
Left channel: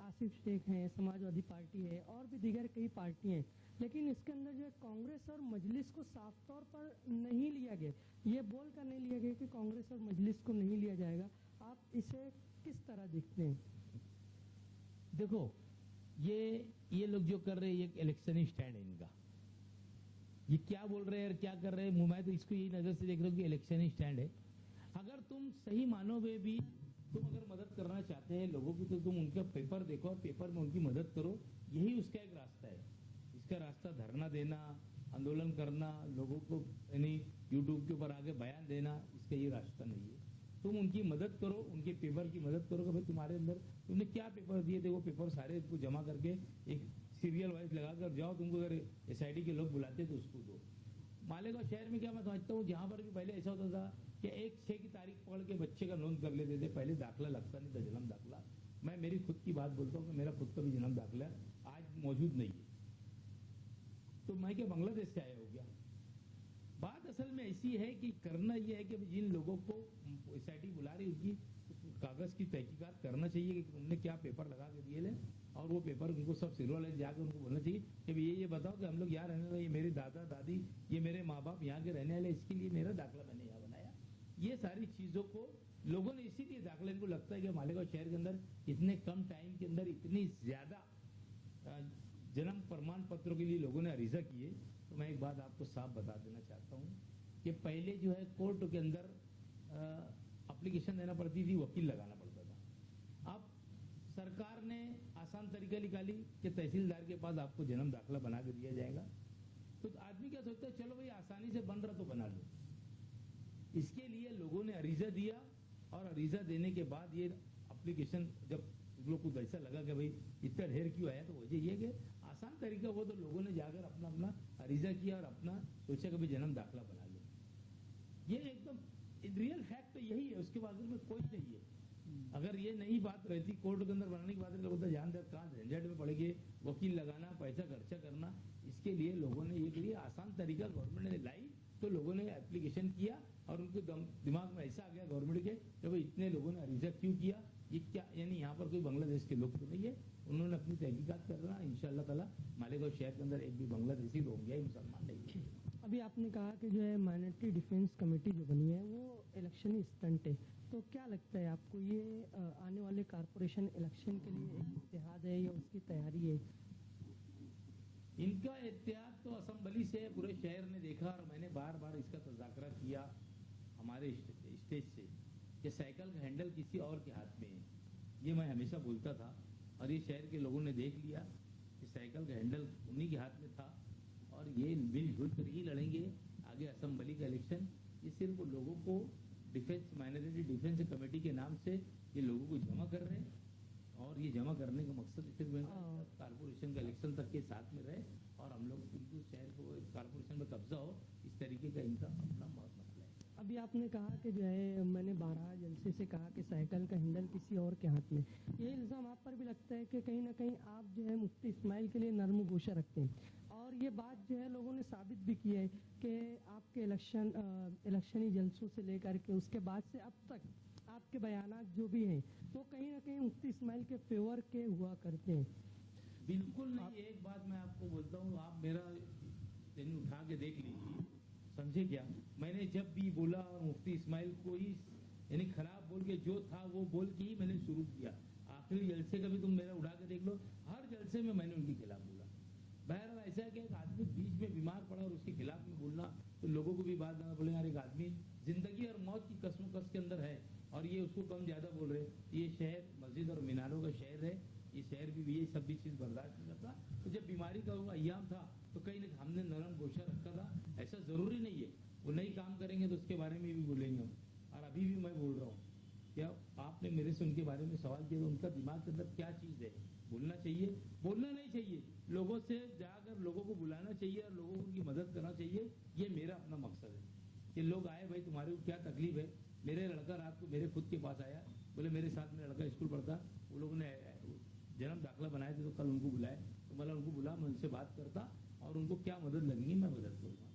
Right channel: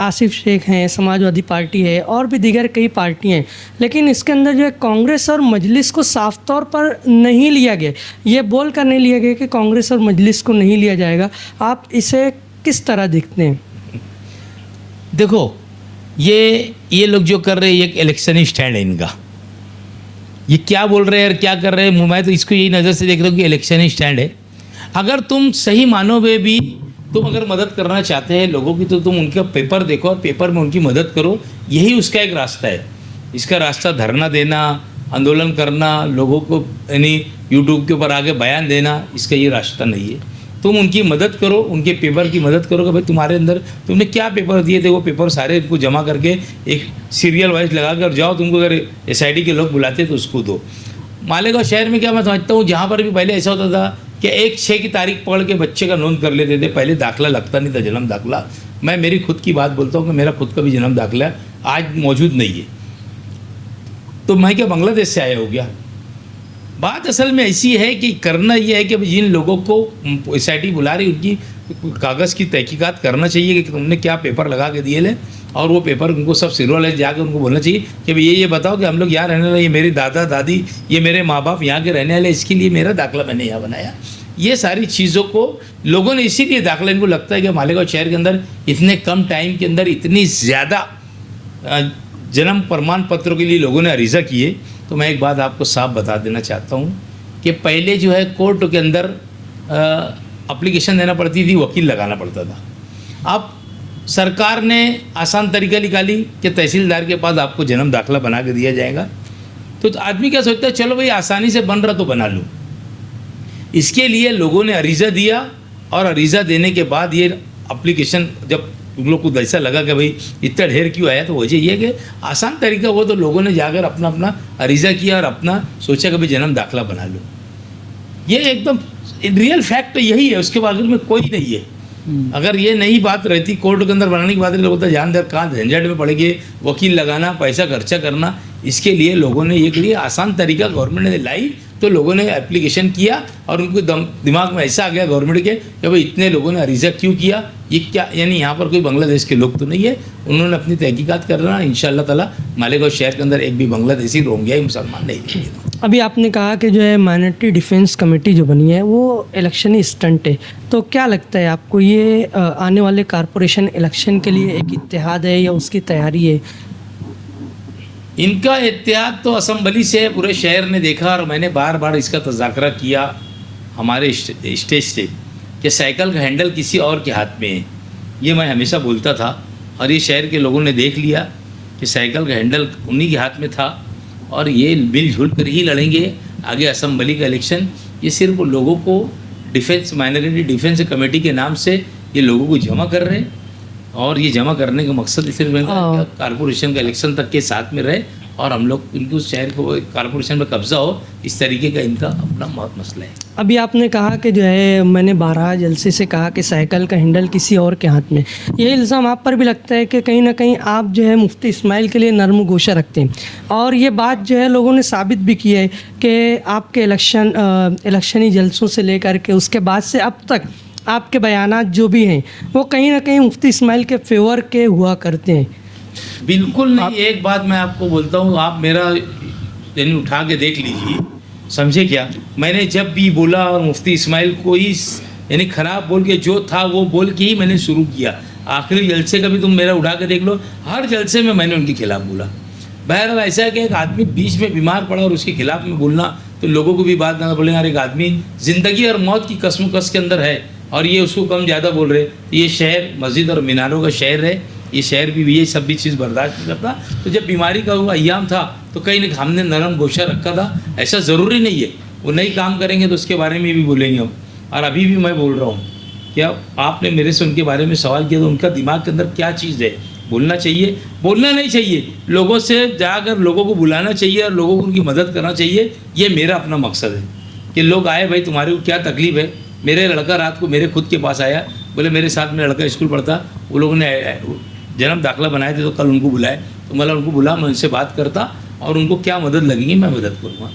आसिफ शेख हैं, समाजवादी पार्टी है और भी दीगर कई पार्टियाँ हैं, लेकिन इसके अंदर जो है कांग्रेस और मजलिस को साफ तौर पर नहीं लिया गया। ये बोल कर नहीं लिया गया कि कांग्रेस और मजलिस को नहीं लिया जाएगा। आप इसे किस तरह देखते हैं? देखो, ये लोग जो कर रहे हैं, एक इलेक्शनी स्टैंड है इनका। ये क्या बोल रहे हैं और क्या कर रहे हैं, मैं तो इसको यही नज़र से देख रहा हूँ कि इलेक्शनी स्टैंड है। अगर तुम सही मानो में भी तुम अगर मदद करना चाहते हैं लोगों की, तो तुम उनका पेपर देखो और पेपर में उनकी मदद करो, यही उसका एक रास्ता है। इसका रास्ता धरना देना, आंदोलन करना, लोगों को यानी यूट्यूब के ऊपर आके बयान देना, इसका ये रास्ता नहीं है। तुम उनकी मदद करो, उनके पेपर की मदद करो कि भाई तुम्हारे अंदर तुमने क्या पेपर दिए थे, वो पेपर सारे इनको जमा करके एक सीरियल वाइज लगा कर जाओ। तुमको अगर एसआईटी के लोग बुलाते तो उसको दो। मालेगांव शहर में क्या मैं समझता हूँ, जहाँ पर भी पहले ऐसा होता था कि 1/6 की तारीख पकड़ के बच्चे का नोंद कर लेते थे, पहले दाखला लगता नहीं था, जन्म दाखला। मैं मेरी खुद की बात बोलता हूँ कि मेरा खुद का भी जन्म दाखला आज मौजूद नहीं है, तो मैं क्या बांग्लादेश से आया हो गया? बात असल में ऐसी है कि करना ये है कि जिन लोगों को एसआईटी बुला रही उनकी कागज़ की तहकीकात करना चाहिए कि तुमने क्या पेपर लगा के दिए ले, और वो पेपर उनको सब सिरवाले जाकर उनको बोलना चाहिए कि भाई ये बताओ कि हम लोग यहाँ रहने वाले, ये मेरे दादा दादी, ये मेरे माँ बाप यहाँ के रहने वाले, इसके लिए मेरा दाखला मैंने यहाँ बनाया। ये सारी चीज़ों को लोगों ने इसीलिए दाखला, इनको लगता है कि मालेगांव शहर के अंदर इतने कम टाइम के अंदर इतनी ज़्यादा जन्म प्रमाण पत्रों के लिए लोगों ने अरीज़ा किए। तो मैं एक बात आपको साफ बता देना चाहता हूँ कि पहले जो है कोर्ट के अंदर एप्लीकेशन देना पड़ती थी, वकील लगाना पड़ता था। अब सरकार ने आसान तरीका निकाली कि तहसीलदार के पास आपको जन्म दाखला बना के दिया जाएगा। तो आदमी क्या सोचता है, चलो भाई आसानी से बन रहा तो बना लूँ। इसके लिए लोगों ने अरीज़ा दिया, और अरीज़ा देने के बाद ये एप्लीकेशन जब उन लोग को ऐसा लगा कि भाई इतना ढेर क्यों आया, तो वजह ये कि आसान तरीका वो, तो लोगों ने जाकर अपना अपना अरीज़ा किया और अपना सोचा कि भाई जन्म दाखला बना लो। ये एकदम रियल फैक्ट यही है, उसके बारे में कोई नहीं है। अगर ये नई बात रहती, कोर्ट के अंदर बनाने की बात लोग होता जान दर कहाँ झंझट में पड़ेंगे, वकील लगाना, पैसा खर्चा करना। इसके लिए लोगों ने एक लिए आसान तरीका गवर्नमेंट ने लाई, तो लोगों ने एप्लीकेशन किया और उनको दिमाग में ऐसा आ गया गवर्नमेंट के कि भाई इतने लोगों ने अरीज़ा क्यों किया, ये क्या, यानी यहाँ पर कोई बांग्लादेश के लोग तो नहीं है। उन्होंने अपनी तहकीकात करना, इंशाअल्लाह ताला मालेगांव शहर के अंदर एक भी बांग्लादेशी, रोहिंग्या, मुसलमान नहीं रहेंगे। अभी आपने कहा कि जो है माइनॉरिटी डिफेंस कमेटी जो बनी है वो इलेक्शनी स्टंट है, तो क्या लगता है आपको ये आने वाले कारपोरेशन इलेक्शन के लिए एक इत्तेहाद है या उसकी तैयारी है? इनका इत्तेहाद तो असम्बली से पूरे शहर ने देखा, और मैंने बार बार इसका तज़ाकरा किया हमारे स्टेज से कि साइकिल का हैंडल किसी और के हाथ में है। ये मैं हमेशा बोलता था, और ये शहर के लोगों ने देख लिया कि साइकिल का हैंडल उन्हीं के हाथ में था, और ये मिलजुल कर ही लड़ेंगे आगे असम्बली का इलेक्शन। ये सिर्फ लोगों को डिफेंस, माइनॉरिटी डिफेंस कमेटी के नाम से ये लोगों को जमा कर रहे हैं, और ये जमा करने का मकसद सिर्फ कारपोरेशन का इलेक्शन तक के साथ में रहे, और हम लोग इनको शहर को कारपोरेशन में कब्जा हो, इस तरीके का इनका अपना मसला है। अभी आपने कहा कि जो है, मैंने 12 जलसे से कहा कि साइकिल का हैंडल किसी और के हाथ में, ये इल्ज़ाम आप पर भी लगता है कि कहीं ना कहीं आप जो है मुफ्ती इस्माइल के लिए नरम गोशा रखते हैं, और ये बात जो है लोगों ने साबित भी की है कि आपके इलेक्शनी जलसों से लेकर के उसके बाद से अब तक आपके बयानात जो भी हैं वो कहीं ना कहीं मुफ्ती इस्माइल के फेवर के हुआ करते हैं। बिल्कुल नहीं। एक बात मैं आपको बोलता हूँ, आप मेरा यानी उठा के देख लीजिए, समझे क्या? मैंने जब भी बोला और मुफ्ती इस्माइल को ही यानी ख़राब बोल के, जो था वो बोल के ही मैंने शुरू किया। आखिरी जलसे का भी तुम मेरा उठा के देख लो, हर जलसे में मैंने उनके खिलाफ़ बोला। बहरहाल ऐसा है कि एक आदमी बीच में बीमार पड़ा और उसके खिलाफ़ में बोलना, तो लोगों को भी बात ना बोले यार एक आदमी ज़िंदगी और मौत की कसमकस के अंदर है, और ये उसको कम ज़्यादा बोल रहे। ये शहर मस्जिद और मीनारों का शहर है, ये शहर भी ये सब भी चीज़ बर्दाश्त नहीं करता। तो जब बीमारी का वो अय्याम था तो कहीं ना हमने नरम गोशा रखा था। ऐसा ज़रूरी नहीं है वो नहीं काम करेंगे तो उसके बारे में भी बोलेंगे हम। और अभी भी मैं बोल रहा हूँ, क्या आपने मेरे से उनके बारे में सवाल किया तो उनका दिमाग के अंदर क्या चीज़ है, बोलना चाहिए, बोलना नहीं चाहिए, लोगों से जाकर लोगों को बुलाना चाहिए और लोगों को उनकी मदद करना चाहिए। ये मेरा अपना मकसद है कि लोग आए, भाई तुम्हारे को क्या तकलीफ़ है। मेरे लड़का रात को मेरे खुद के पास आया, बोले मेरे साथ मेरा लड़का स्कूल पढ़ता, वो लोगों ने जन्म दाखिला बनाए थे तो कल उनको बुलाए, तो मतलब उनको बुला, मैं उनसे बात करता और उनको क्या मदद लगेगी मैं मदद करूँगा।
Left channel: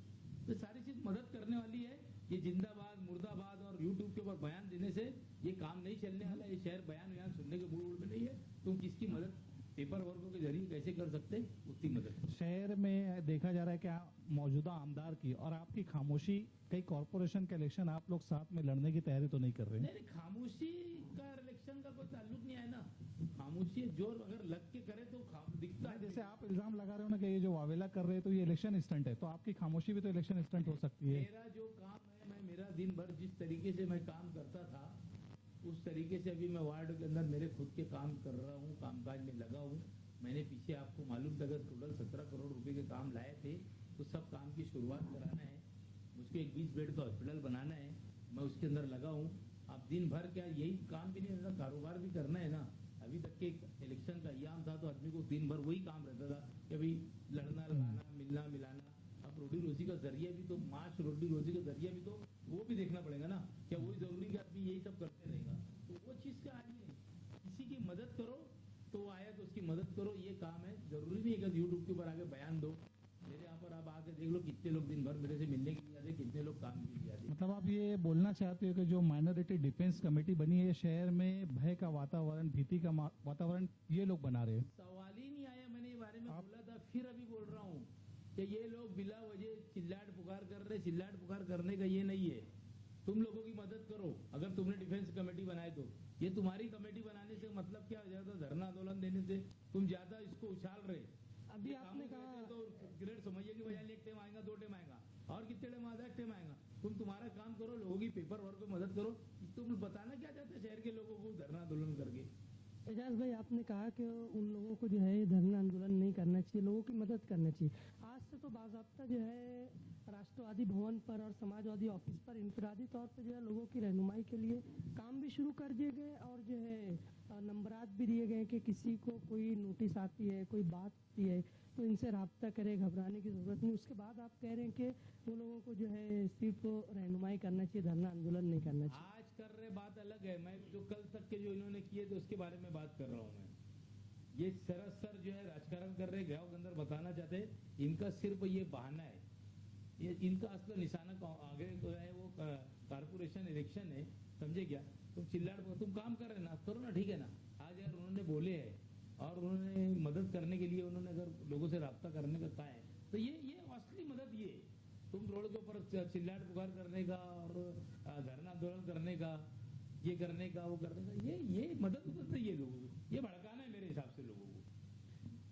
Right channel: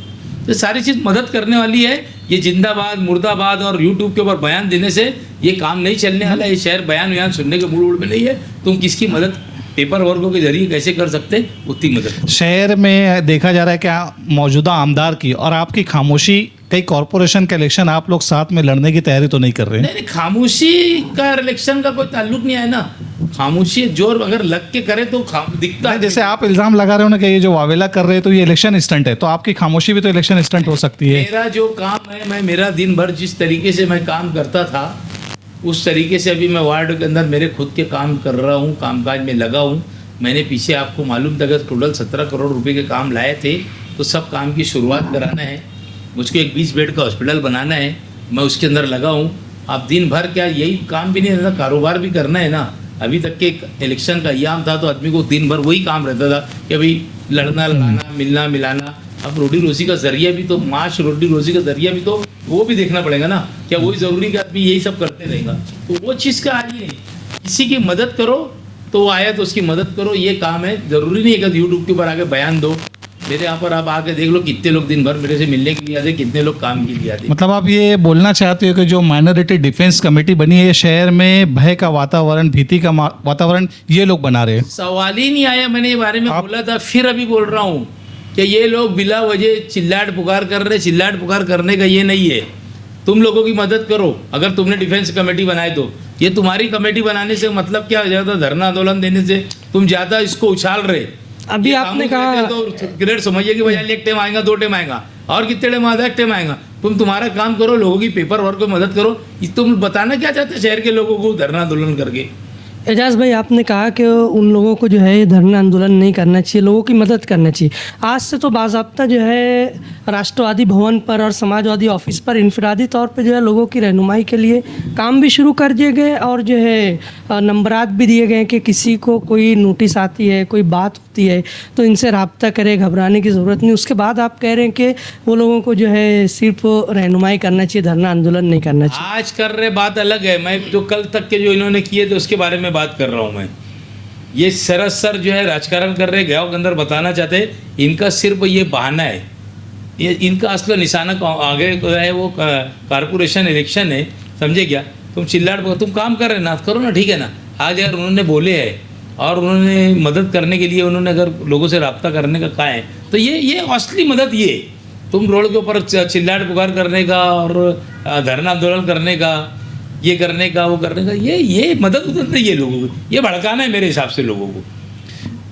तो सारी चीज़ मदद करने वाली है। ये जिंदाबाद मुर्दाबाद और यूट्यूब के ऊपर बयान देने से ये काम नहीं चलने वाला। ये शहर बयान वयान सुनने के मूड में नहीं है। तुम किसकी मदद पेपर वर्कों के जरिए कैसे कर सकते, उतनी मदद। शहर में देखा जा रहा है कि मौजूदा आमदार की और आपकी खामोशी, कई कॉरपोरेशन के इलेक्शन आप लोग साथ में लड़ने की तैयारी तो नहीं कर रहे? नहीं, खामोशी का इलेक्शन का कोई ताल्लुक नहीं है ना। खामोशी जोर अगर लग के करे तो दिखता है। जैसे आप इल्ज़ाम लगा रहे हो ना कि ये जो वावेला कर रहे हैं तो ये इलेक्शन स्टंट है, तो आपकी खामोशी भी तो इलेक्शन स्टंट हो सकती है। मेरा जो काम है, मैं मेरा दिन भर जिस तरीके से मैं काम करता था उस तरीके से अभी मैं वार्ड के अंदर मेरे खुद के काम कर रहा हूँ, कामकाज में लगा हूँ। मैंने पीछे आपको मालूम था कि टोटल 17 करोड़ रुपए के काम लाए थे, तो सब काम की शुरुआत कराना है। मुझको एक 20 बेड का हॉस्पिटल बनाना है, मैं उसके अंदर लगा हूँ। आप दिन भर क्या यही काम भी नहीं रहता, कारोबार भी करना है ना। अभी तक के इलेक्शन का अयाम था तो आदमी को दिन भर वही काम रहता था कि अभी लड़ना लड़ाना, मिलना मिलाना। अब रोटी रोजी का जरिया भी तो, माश रोटी रोजी का जरिया भी तो वो भी देखना पड़ेगा ना। क्या वही ज़रूरी कि आदमी यही सब करते रहेगा? तो वो चीज़ का आज ही नहीं। किसी की मदद करो तो वो आया तो उसकी मदद करो, ये काम है। ज़रूरी नहीं है कि यूट्यूब के ऊपर आके बयान दो। मेरे यहाँ पर आप आके देख लो कितने लोग दिन भर मेरे से मिलने के लिए आते, कितने लोग काम के लिए आते। मतलब आप ये बोलना चाहते हो कि जो माइनॉरिटी डिफेंस कमेटी बनी है शहर में भय का वातावरण, भीति का वातावरण ये लोग बना रहे हैं? सवाल ही नहीं आया। मैंने ये बारे में बोला था, फिर अभी बोल रहा हूँ कि ये लोग बिला वजह चिल्लाट पुकार कर रहे। चिल्लाट पुकार करने का ये नहीं है। तुम लोगों की मदद करो। अगर तुमने डिफेंस कमेटी बनाई तो ये तुम्हारी कमेटी बनाने से मतलब क्या हो जाता? धरना आंदोलन देने से तुम ज़्यादा इसको उछाल रहे। अभी आपने कहा तो ग्रेड समझिए कि भाई एक टाइम आएगा, 2 टाइम आएगा, और कितने टाइम आएगा? 1 टाइम आएगा। तुम तुम्हारा काम करो, लोगों की पेपर वर्क को मदद करो। तुम बताना क्या चाहते शहर के लोगों को धरना आंदोलन करके? एजाज भाई, आपने कहा कि उन लोगों को जो है ये धरना आंदोलन नहीं करना चाहिए, लोगों की मदद करना चाहिए। आज से तो बाज़ाब्ता जो है राष्ट्रवादी भवन पर और समाजवादी ऑफिस पर इनफरादी तौर पे जो है लोगों की रहनुमाई के लिए काम भी शुरू कर दिए गए और जो है नंबरात भी दिए गए कि किसी को कोई नोटिस आती है, कोई बात होती है तो इनसे रब्ता करे, घबराने की ज़रूरत नहीं। उसके बाद आप कह रहे हैं कि वो लोगों को जो है सिर्फ रहनुमाई करना चाहिए, धरना आंदोलन नहीं करना चाहिए। आज कर रहे बात अलग है। मैं जो कल तक के जो इन्होंने किए थे उसके बारे में बात कर रहा हूँ। मैं ये सरासर जो है राजकारण कर रहे, गाँव के अंदर बताना चाहते। इनका सिर्फ ये बहाना है। ये इनका असली निशाना आगे है वो कारपोरेशन इलेक्शन है, समझे क्या? तुम चिल्लाट तुम काम कर रहे ना, करो ना, ठीक है ना। आज अगर उन्होंने बोले है और उन्होंने मदद करने के लिए उन्होंने अगर लोगों से रब्ता करने का कहा है तो ये असली मदद ये। तुम रोड के ऊपर चिल्लाट पुकार करने का और धरना आंदोलन करने का, ये करने का, वो करने का, ये मदद उदद नहीं है लोगों को। ये भड़काना है मेरे हिसाब से लोगों को।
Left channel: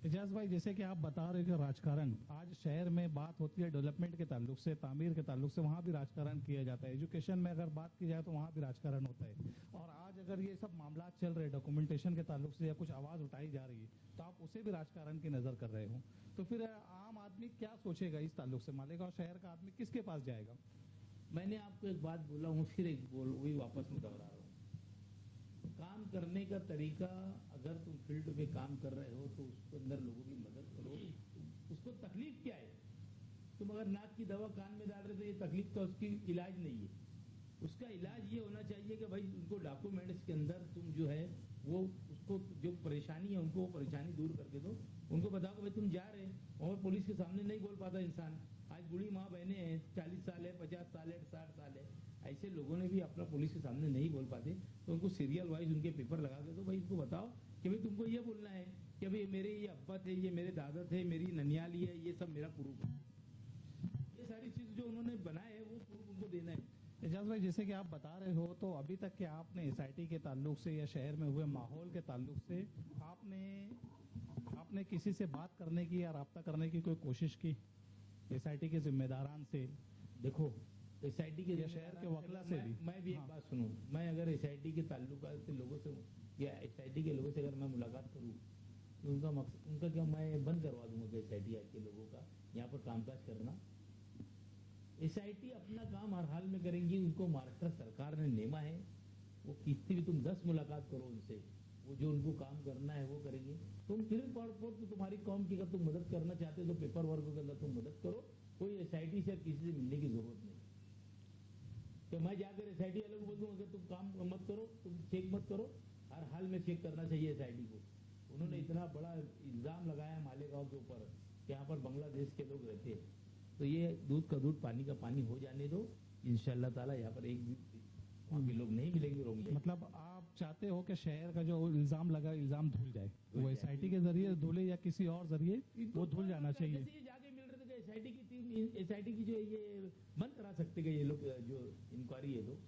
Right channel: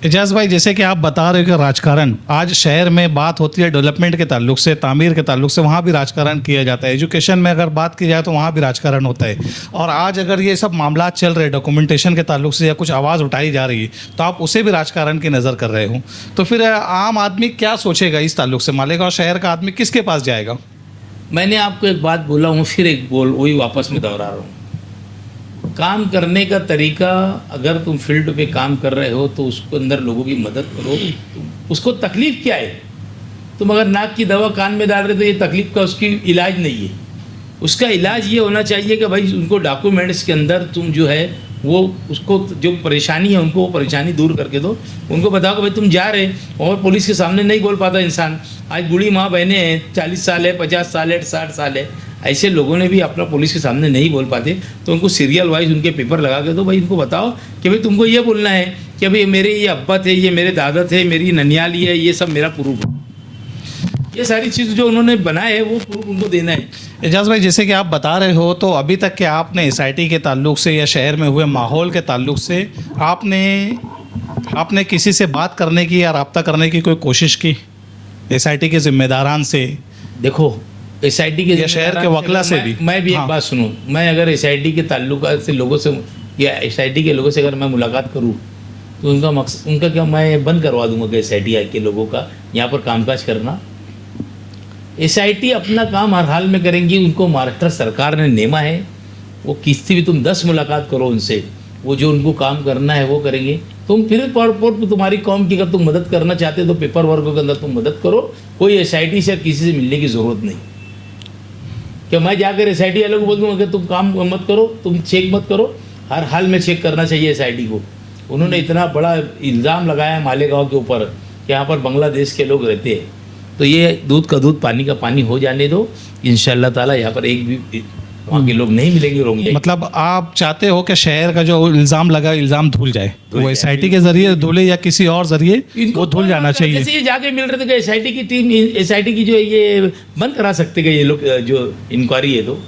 एजाज भाई, जैसे कि आप बता रहे हो कि राजकारण आज शहर में बात होती है डेवलपमेंट के ताल्लुक से, तामीर के ताल्लुक से, वहाँ भी राजकारण किया जाता है। एजुकेशन में अगर बात की जाए तो वहाँ भी राजकारण होता है। और आज अगर ये सब मामला चल रहे डॉक्यूमेंटेशन के ताल्लुक से या कुछ आवाज़ उठाई जा रही है तो आप उसे भी राजकारण की नज़र कर रहे हो, तो फिर आम आदमी क्या सोचेगा इस ताल्लुक से? मालेगांव शहर का आदमी किसके पास जाएगा? मैंने आपको एक बात बोला हूँ, फिर एक बोल वही वापस में दोहरा रहा हूँ। काम करने का तरीका, अगर तुम फील्ड पे काम कर रहे हो तो उसको अंदर लोगों की मदद करो। उसको तकलीफ़ क्या है? तुम अगर नाक की दवा कान में डाल रहे तो ये तकलीफ़ का उसकी इलाज नहीं है। उसका इलाज ये होना चाहिए कि भाई उनको डॉक्यूमेंट्स के अंदर तुम जो है वो उसको जो परेशानी है उनको वो परेशानी दूर करके दो। उनको बताओ कि भाई तुम जा रहे और पुलिस के सामने नहीं बोल पाता इंसान। आज बूढ़ी माँ बहनें हैं, 40 साल है, 50 साल है, 60 साल है, ऐसे लोगों ने भी अपना पुलिस के सामने नहीं बोल पाते तो उनको सीरियल वाइज उनके पेपर लगा के दो। भाई इनको बताओ कि भाई तुमको ये बोलना है कि भाई मेरे ये अब्बा थे, ये मेरे दादा थे, मेरी ननियाली है, ये सब मेरा प्रूफ है। ये सारी चीज़ जो उन्होंने बनाए है वो प्रूफ उनको देना है। एजाज भाई, जैसे कि आप बता रहे हो तो अभी तक के आपने SIT के ताल्लुक से या शहर में हुए माहौल के ताल्लुक से आपने किसी से बात करने की या रब्ता करने की कोई कोशिश की SIT के जिम्मेदारान से? देखो SIT के शहर के वकला से भी मैं भी एक बात सुनूं। मैं अगर SIT के ताल्लुक से लोगों से या SIT के लोगों से अगर मैं मुलाकात करूं तो उनका मकसद, उनका क्या, मैं बंद करवा दूंगा कि SIT के लोगों का यहाँ पर कामकाज करना। SIT अपना काम हर हाल में करेंगी। उनको महाराष्ट्र सरकार ने नेमा है। वो किसी भी तुम 10 मुलाकात करो उनसे, वो जो उनको काम करना है वो करेंगे। तुम फिर तुम्हारी कौम की अगर तुम मदद करना चाहते हो तो पेपर वर्क के अंदर तुम मदद करो, कोई SIT से किसी से मिलने की ज़रूरत नहीं। कि मैं जाकर SIT वालों को बोल दूँगा कि तुम काम मत करो, तुम चेक मत करो, हर हाल में चेक करना चाहिए SIT को। उन्होंने इतना बड़ा इल्ज़ाम लगाया मालेगांव के ऊपर कि यहाँ पर बांग्लादेश के लोग रहते हैं, तो ये दूध का दूध पानी का पानी हो जाने दो। इंशाअल्लाह ताला यहाँ पर एक भी वहाँ के लोग नहीं मिलेंगे, रोंगे। मतलब आप चाहते हो कि शहर का जो इल्ज़ाम लगा इल्ज़ाम धुल जाए, वो SIT के जरिए धुले या किसी और जरिए वो धुल जाना चाहिए। जैसे ये जाके मिल रहे थे कि SIT की टीम, SIT की जो है ये बंद करा सकते हैं ये लोग, जो इंक्वायरी है तो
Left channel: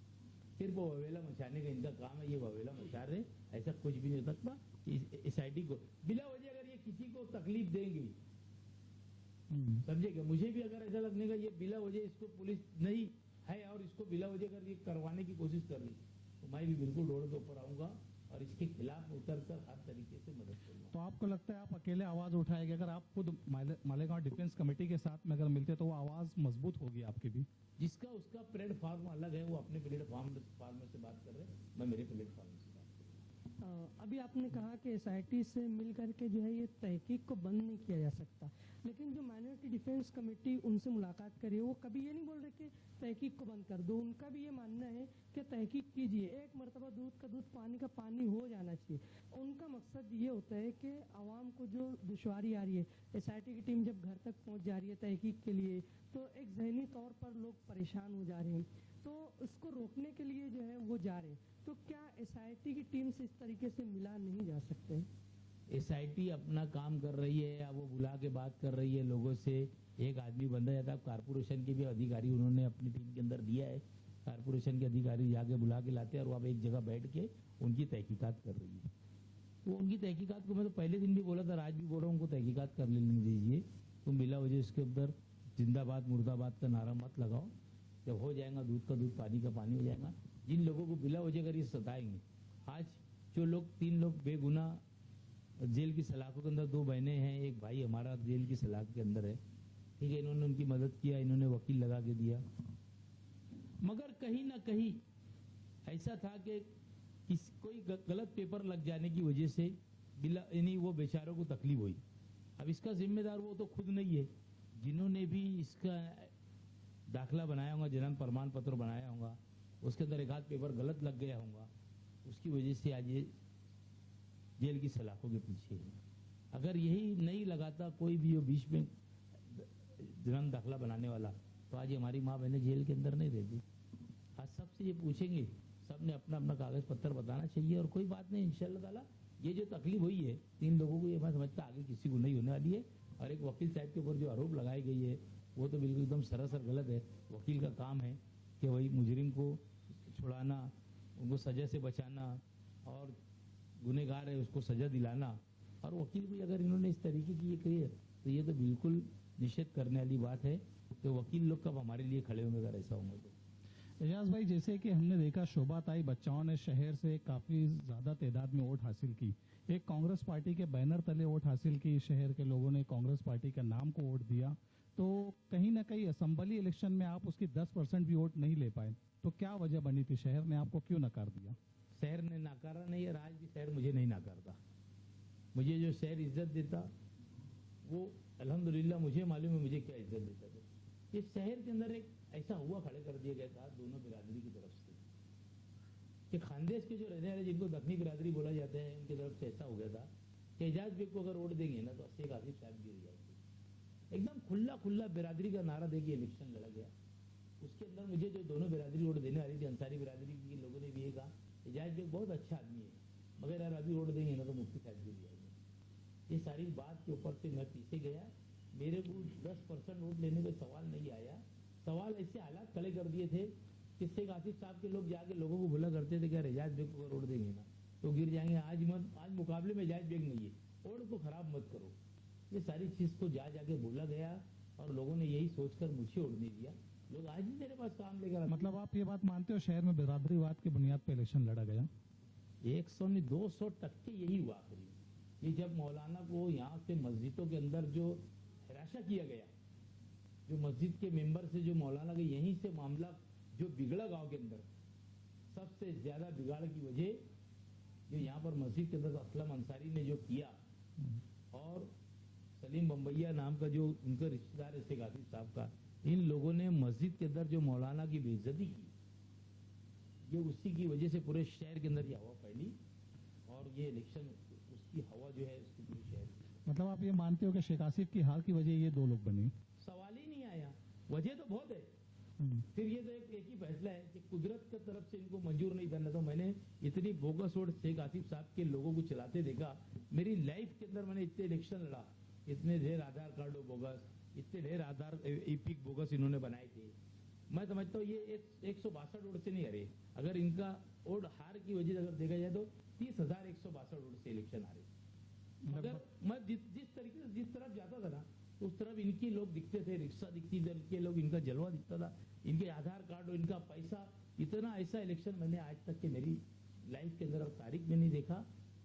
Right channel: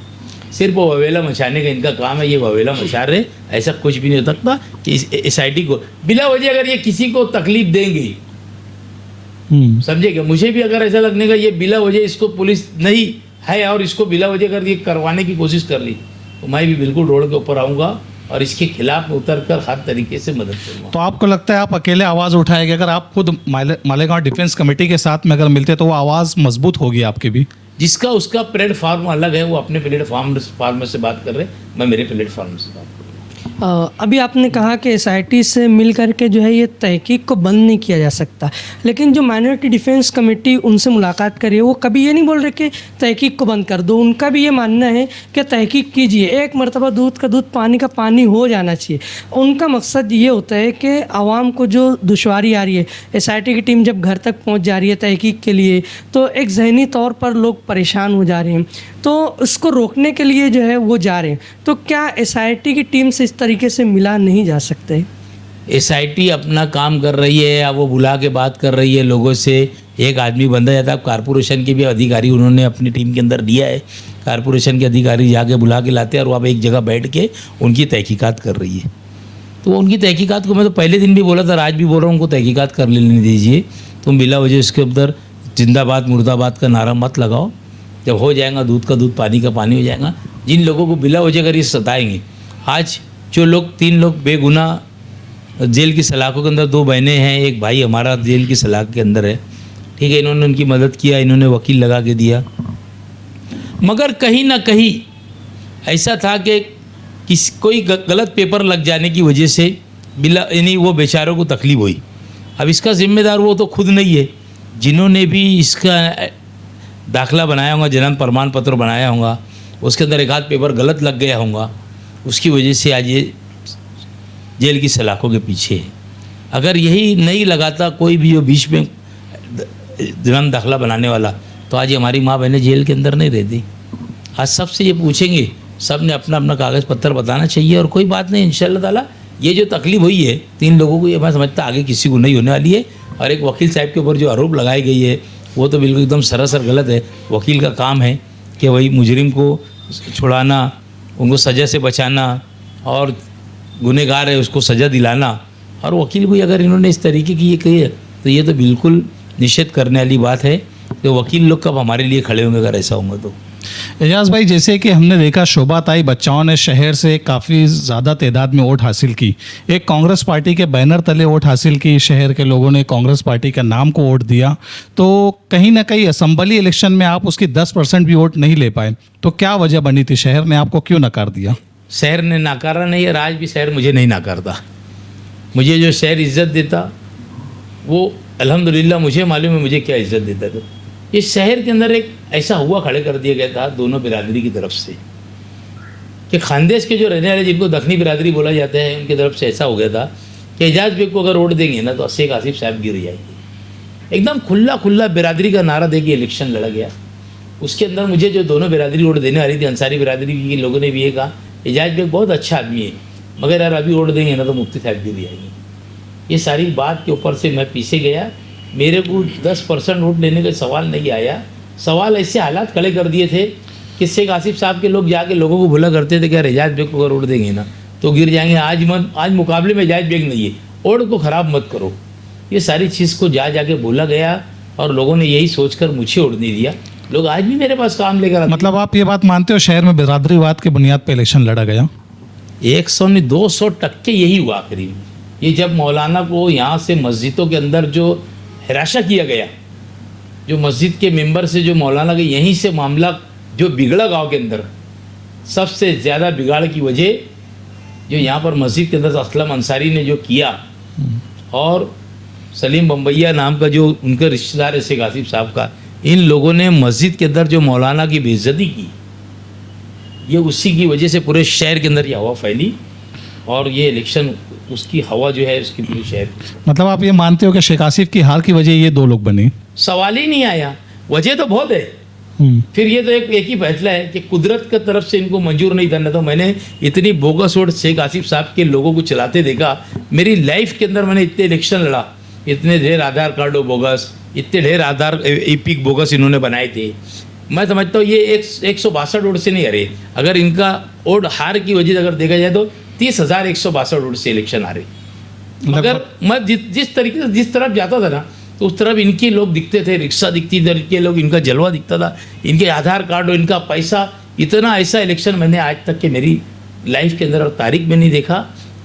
सिर्फ वो ववेला मचाने का इनका काम है, ये ववेला मचा रहे, ऐसा कुछ भी नहीं हो सकता कि SIT को बिला वजह अगर ये किसी को तकलीफ देंगे, समझे क्या, मुझे भी अगर ऐसा लगने का ये बिला वजह इसको पुलिस नहीं है और इसको बिला वजह कर ये करवाने की कोशिश कर ली, तो मैं भी बिल्कुल रोड के ऊपर आऊँगा और इसके खिलाफ उतर कर हर तरीके से मदद करूँगा। तो आपको लगता है आप अकेले आवाज़ उठाएंगे? अगर आप खुद मालेगांव डिफेंस कमेटी के साथ में अगर मिलते तो वो आवाज़ मजबूत होगी आपकी भी? जिसका उसका प्लेटफॉर्म अलग है, वो अपने प्लेटफॉर्म से बात कर रहे, मैं मेरे प्लेटफॉर्म से बात कर रहा हूँ। अभी आपने कहा कि SIT से मिल करके जो है ये तहकीक को बंद नहीं किया जा सकता, लेकिन जो माइनॉरिटी डिफेंस कमेटी उनसे मुलाकात करी वो कभी ये नहीं बोल रहे कि तहकीक को बंद कर दो। उनका भी ये मानना है कि तहकीक कीजिए, एक मरतबा दूध का दूध पानी का पानी हो जाना चाहिए। उनका मकसद ये होता है कि आवाम को जो दुश्वारी आ रही है, SIT की टीम जब घर तक पहुँच जा रही है तहकीक के लिए, तो एक जहनी तौर पर लोग परेशान हो जा रहे हैं, तो उसको रोकने के लिए जो है वो जा रहे हैं। तो क्या SIT की टीम से इस तरीके से मिला नहीं जा सकते? SIT अपना काम कर रही है या वो बुला के बात कर रही है लोगों से, एक आदमी बंदा जाता है। कारपोरेशन के भी अधिकारी उन्होंने अपनी टीम के अंदर दिया है, कारपोरेशन के अधिकारी जाके बुला के लाते हैं और वहाँ पे एक जगह बैठ के उनकी तहकीकात कर रही है। तो उनकी तहकीकात को मैं तो पहले दिन भी बोला था, आज भी बोल रहा हूँ, उनको तहकीकात कर लेने दीजिए। तुम बिला वजह इसके अंदर जिंदाबाद मुर्दाबाद का नारा मत लगाओ। जब हो जाएगा दूध का दूध पानी का पानी हो जाएगा। जिन लोगों को बिला वजह कर ये सताएंगे, आज जो लोग 3 लोग बेगुनाह जेल की सलाखों के अंदर, 2 बहनें हैं, एक भाई हमारा जेल की सलाख के अंदर है, ठीक है, इन्होंने उनकी मदद किया, इन्होंने वकील लगा के दिया, मगर कहीं ना कहीं ऐसा था कि कोई गलत पेपर लग जाने की वजह से बिला यानी वो बेचारों को तकलीफ हुई। अब इसका जिम्मेदार वो तो खुद नहीं है, जिन्होंने भी इसका दाखला बनाया होगा, जन्म प्रमाण पत्र बनाया होगा, उसके अंदर एक आध पेपर गलत लग गया होगा, उसकी वजह से आज ये जेल की सलाखों के पीछे है। अगर यही नहीं लगाता कोई भी जो बीच में जन्म दाखला बनाने वाला, तो आज हमारी माँ बहनें जेल के अंदर नहीं रहती। आज सबसे ये पूछेंगे, सब ने अपना अपना कागज़ पत्तर बताना चाहिए और कोई बात नहीं, इंशाअल्लाह ताला ये जो तकलीफ हुई है 3 लोगों को, ये मैं समझता आगे किसी को नहीं होने वाली है। और एक वकील साहब के ऊपर जो आरोप लगाई गई है वो तो बिल्कुल एकदम सरासर गलत है। वकील का काम है कि वही मुजरिम को छुड़ाना, उनको सज़ा से बचाना, और गुनहगार है उसको सज़ा दिलाना। और वकील को अगर इन्होंने इस तरीके की ये कही है तो ये तो बिल्कुल निषेध करने वाली बात है कि वकील लोग कब हमारे लिए खड़े होंगे अगर ऐसा होगा तो। एजाज भाई, जैसे कि हमने देखा शोभाताई बच्चाओं ने शहर से काफ़ी ज़्यादा तादाद में वोट हासिल की, एक कांग्रेस पार्टी के बैनर तले वोट हासिल की, शहर के लोगों ने कांग्रेस पार्टी के नाम को वोट दिया, तो कहीं ना कहीं असम्बली इलेक्शन में आप उसकी 10% भी वोट नहीं ले पाए, तो क्या वजह बनी थी? शहर ने आपको क्यों नकार दिया? शहर ने नकारा नहीं है, आज भी शहर मुझे नहीं नकारता। मुझे जो शहर इज़्ज़त देता वो अल्हम्दुलिल्लाह मुझे मालूम है मुझे क्या इज़्ज़त देता था। इस शहर के अंदर एक ऐसा हुआ खड़े कर दिया गया था दोनों बिरादरी की तरफ से कि खानदेश के जो रहने वाले जिनको दखनी बिरादरी बोला जाता है उनकी तरफ से ऐसा हो गया था कि एजाज बेग को अगर वोट देंगे ना तो शेख आसिफ साहब गिर जाएंगे। एकदम खुला बिरादरी का नारा दे के इलेक्शन लड़ा गया। उसके अंदर मुझे जो दोनों बिरादरी वोट देने वाली थी, अंसारी बिरादरी की लोगों ने भी ये कहा एजाज बेग बहुत अच्छा आदमी है, मगर यार अभी वोट देंगे ना तो मुफ्ती साहब गिर जाएंगे। ये सारी बात के ऊपर से मैं पीछे गया, मेरे को 10% वोट लेने का सवाल नहीं आया। सवाल ऐसे हालात खड़े कर दिए थे कि शेख आसिफ साहब के लोग जाके लोगों को बोला करते थे कि एजाज बेग को अगर वोट देंगे ना तो गिर जाएंगे। आज मुकाबले में एजाज बेग नहीं है, वोट को ख़राब मत करो। ये सारी चीज़ को जाके बोला गया और लोगों ने यही सोचकर मुझे वोट नहीं दिया। लोग आज भी मेरे पास काम लेकर आते। मतलब आप ये बात मानते हो शहर में बिरादरीवाद की बुनियाद पर इलेक्शन लड़ा गया? 100 नहीं 200% यही हुआ करीब। ये जब मौलाना को यहाँ से मस्जिदों के अंदर जो हिराशा किया गया, जो मस्जिद के मेंबर से जो मौलाना के यहीं से मामला जो बिगड़ा गांव के अंदर, सबसे ज़्यादा बिगाड़ की वजह जो यहाँ पर मस्जिद के अंदर असलम अंसारी ने जो किया और सलीम बम्बैया नाम का जो उनका रिश्तेदार है शेख आसिफ साहब का, इन लोगों ने मस्जिद के अंदर जो मौलाना की बेइज्जती की, ये उसी की वजह से पूरे शहर के अंदर ये हवा फैली और ये इलेक्शन उसकी हवा जो है उसकी पूरे शहर मतलब आप ये मानते हो कि शेख आसिफ की हार की वजह ये दो लोग बने? सवाल ही नहीं आया। वजह तो बहुत है, फिर ये तो एक ही फैसला है कि कुदरत की तरफ से इनको मंजूर नहीं था। तो मैंने इतनी बोगस वोट शेख आसिफ साहब के लोगों को चलाते देखा मेरी लाइफ के अंदर। मैंने इतने इलेक्शन लड़ा, इतने ढेर आधार कार्डो बोगस, इतने ढेर आधार एपिक बोगस इन्होंने बनाए थे। मैं समझता हूँ ये 162 वोट से नहीं हरे। अगर इनका वोट हार की वजह से अगर देखा जाए तो 30,162 वोट से इलेक्शन हारे। मगर मैं जिस तरीके से जिस तरफ जाता था ना तो उस तरफ इनके लोग दिखते थे, रिक्शा दिखती थी, इनके लोग, इनका जलवा दिखता था, इनके आधार कार्ड और इनका पैसा। इतना ऐसा इलेक्शन मैंने आज तक के मेरी लाइफ के अंदर और तारीख में नहीं देखा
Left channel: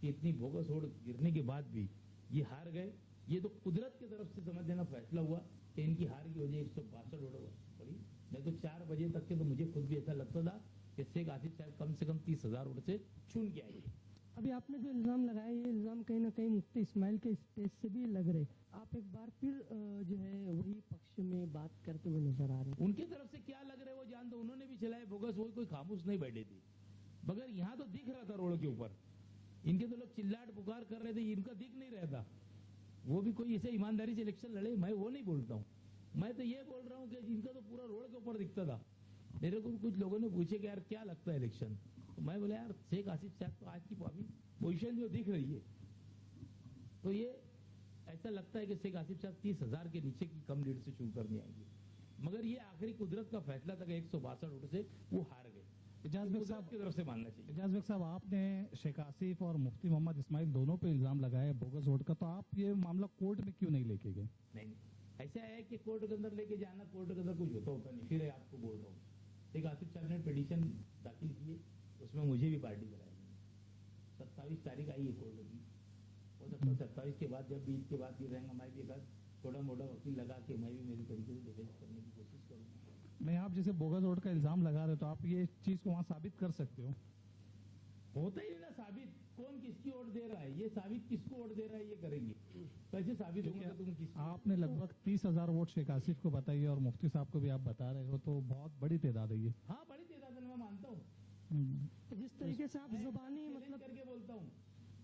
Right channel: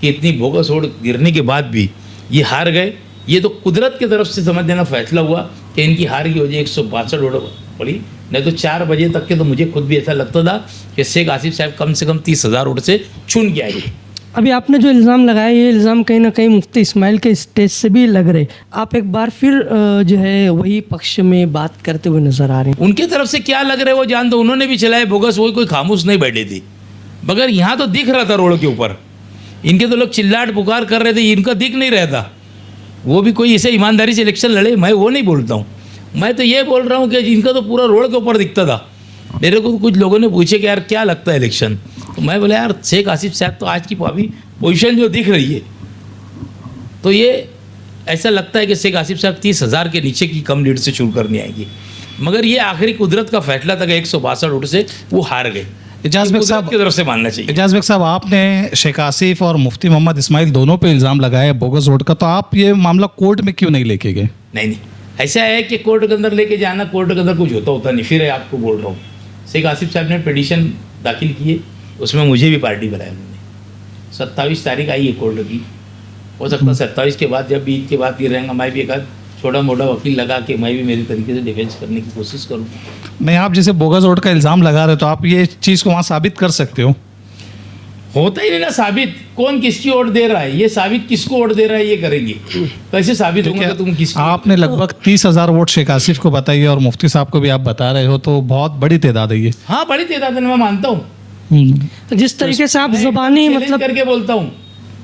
कि इतनी बोगस वोट गिरने के बाद भी ये हार गए। ये तो कुदरत की तरफ से समझ देना फैसला हुआ कि इनकी हार की वजह 162 वोट पड़ी। नहीं तो 4 बजे तक के तो मुझे खुद भी ऐसा लगता था कि शेख आसिफ साहब कम से कम 30,000 वोट से चुन के आएंगे। अभी आपने जो इल्ज़ाम लगाया ये इल्ज़ाम कहीं ना कहीं मुफ्ती इस्माइल के स्टेज से भी लग रहे। आप एक बार फिर जो है वही पक्ष में बात करते हुए नजर आ रहे हैं। उनके तरफ से क्या लग रहा है वो जान दो, उन्होंने भी चलाए बोगस, वो कोई खामोश नहीं बैठे थे। मगर यहाँ तो दिख रहा था रोड के ऊपर, इनके तो लोग चिल्लाट पुकार कर रहे थे, इनका दिख नहीं रहा था। वो भी कोई ऐसे ईमानदारी से इलेक्शन लड़े, मैं वो नहीं बोलता हूँ। मैं तो ये बोल रहा हूँ कि इनका तो पूरा रोड के ऊपर दिखता था। मेरे को कुछ लोगों ने पूछे कि यार क्या लगता है इलेक्शन, तो मैं बोला यार शेख आसिफ साहब तो आज की अभी पोजीशन जो दिख रही है तो ये ऐसा लगता है कि शेख आसिफ साहब 30,000 के नीचे की कम लीड से शुरू करनी आएगी। मगर ये आखिरी कुदरत का फैसला था कि 162 वोट से वो हार गए। एजाज बेग साहब की तरफ से मानना चाहिए। एजाज बेग साहब, आपने शेख आसिफ और मुफ्ती मोहम्मद इस्माइल दोनों पे इल्ज़ाम लगाया बोगस वोट का, तो आप ये मामला कोर्ट में क्यों नहीं लेके गए? नहीं, ऐसा है कि कोर्ट के अंदर लेके जाना, कोर्ट के अंदर कुछ होता नहीं। फिर आपको बोल रहा हूँ, शेख आसिफ साहब ने पिटीशन दाखिल किए, उसमें मुझे भी पार्टी बनाया उन्होंने। 27 तारीख आई है कोर्ट की, हो सकता है 27 के बाद जब भी ईद के बाद ये रहेगा, मैं भी एक छोटा मोटा वकील लगा के मैं भी मेरी तरीके से डिफेंस करने की कोशिश करूँ। नहीं, आप जैसे बोगस वोट का इल्ज़ाम लगा रहे हो तो आप ये चीज़ को वहाँ साबित कर सकते हो। होता ही नहीं ना साबित, कौन किसकी वोट दे रहा है, ये साबित किसको वोट दे रहा है ये करेंगे। कैसे साबित होगा कि तुम किसकी? आपने लगभग 30,000 वोट शेख आसिफ को बताइए और मुफ्ती साहब को भी आप बता रहे हो, तो बहुत बड़ी तादाद है ये। हाँ बड़ी तादाद है, मैं मानता हूँ। तो जिस तरीके से आप ज़बानी मतलब करके बोलता हूँ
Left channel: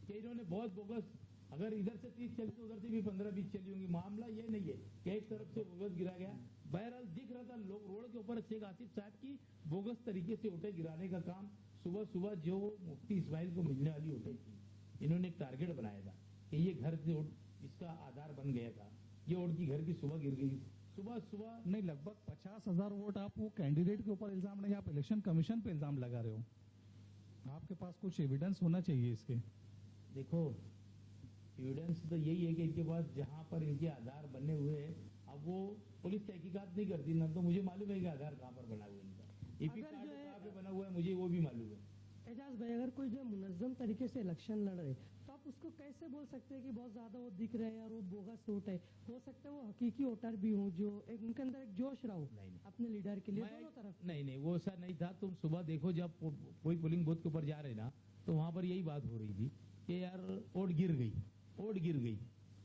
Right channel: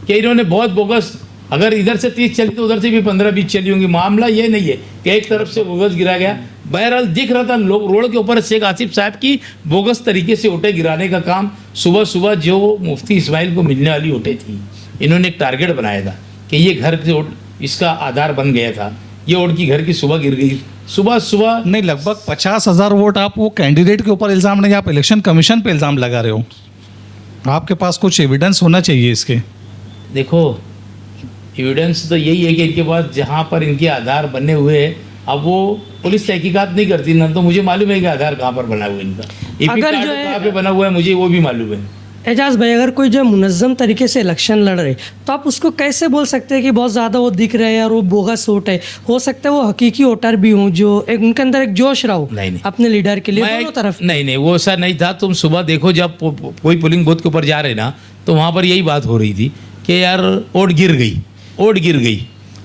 कि इन्होंने बहुत बोगस, अगर इधर से 30 चली तो उधर से भी 15-20 चली होंगी। मामला ये नहीं है कि एक तरफ से बोगस गिरा गया। बहरहाल दिख रहा था लोग रोड के ऊपर शेख आसिफ साहब की बोगस तरीके से वोटें गिराने का काम। सुबह सुबह जो मुफ्ती इस्माइल को मिलने वाली वोटें थी, इन्होंने एक टारगेट बनाया था कि ये घर के वोट इसका आधार बन गया था, ये वोट की घर की सुबह गिर गई। सुबह नहीं, लगभग 50,000 वोट आप वो कैंडिडेट के ऊपर इल्ज़ाम नहीं, आप इलेक्शन कमीशन पे इल्ज़ाम लगा रहे हो। आपके पास कुछ एविडेंस होना चाहिए इसके। देखो एविडेंस तो यही है कि इनके पास जहाँ पर इनके आधार बने हुए हैं, अब वो पुलिस तहकीकात नहीं करती ना, तो मुझे मालूम है कि आधार कहाँ पर बना हुआ है इनका, अगर जो है कहाँ पे बना हुआ है मुझे वो भी मालूम है। एजाज भाई, अगर कोई जो मुनज़्ज़म तरीके से इलेक्शन लड़ रहे तो आप उसको कैसे बोल सकते हैं कि बहुत ज़्यादा वो दिख रहे हैं और वो बोगस वोट है? हो सकता है वो हकीकी वोटर भी हों जो एक उनके अंदर एक जोश रहा हो नहीं। अपने लीडर के लिए दोनों तरफ। नहीं वो ऐसा नहीं था। तुम सुबह देखो जब कोई पोलिंग बूथ के ऊपर जा रहे ना, तो वहाँ पर यही बात हो रही थी कि यार वोट गिर गई।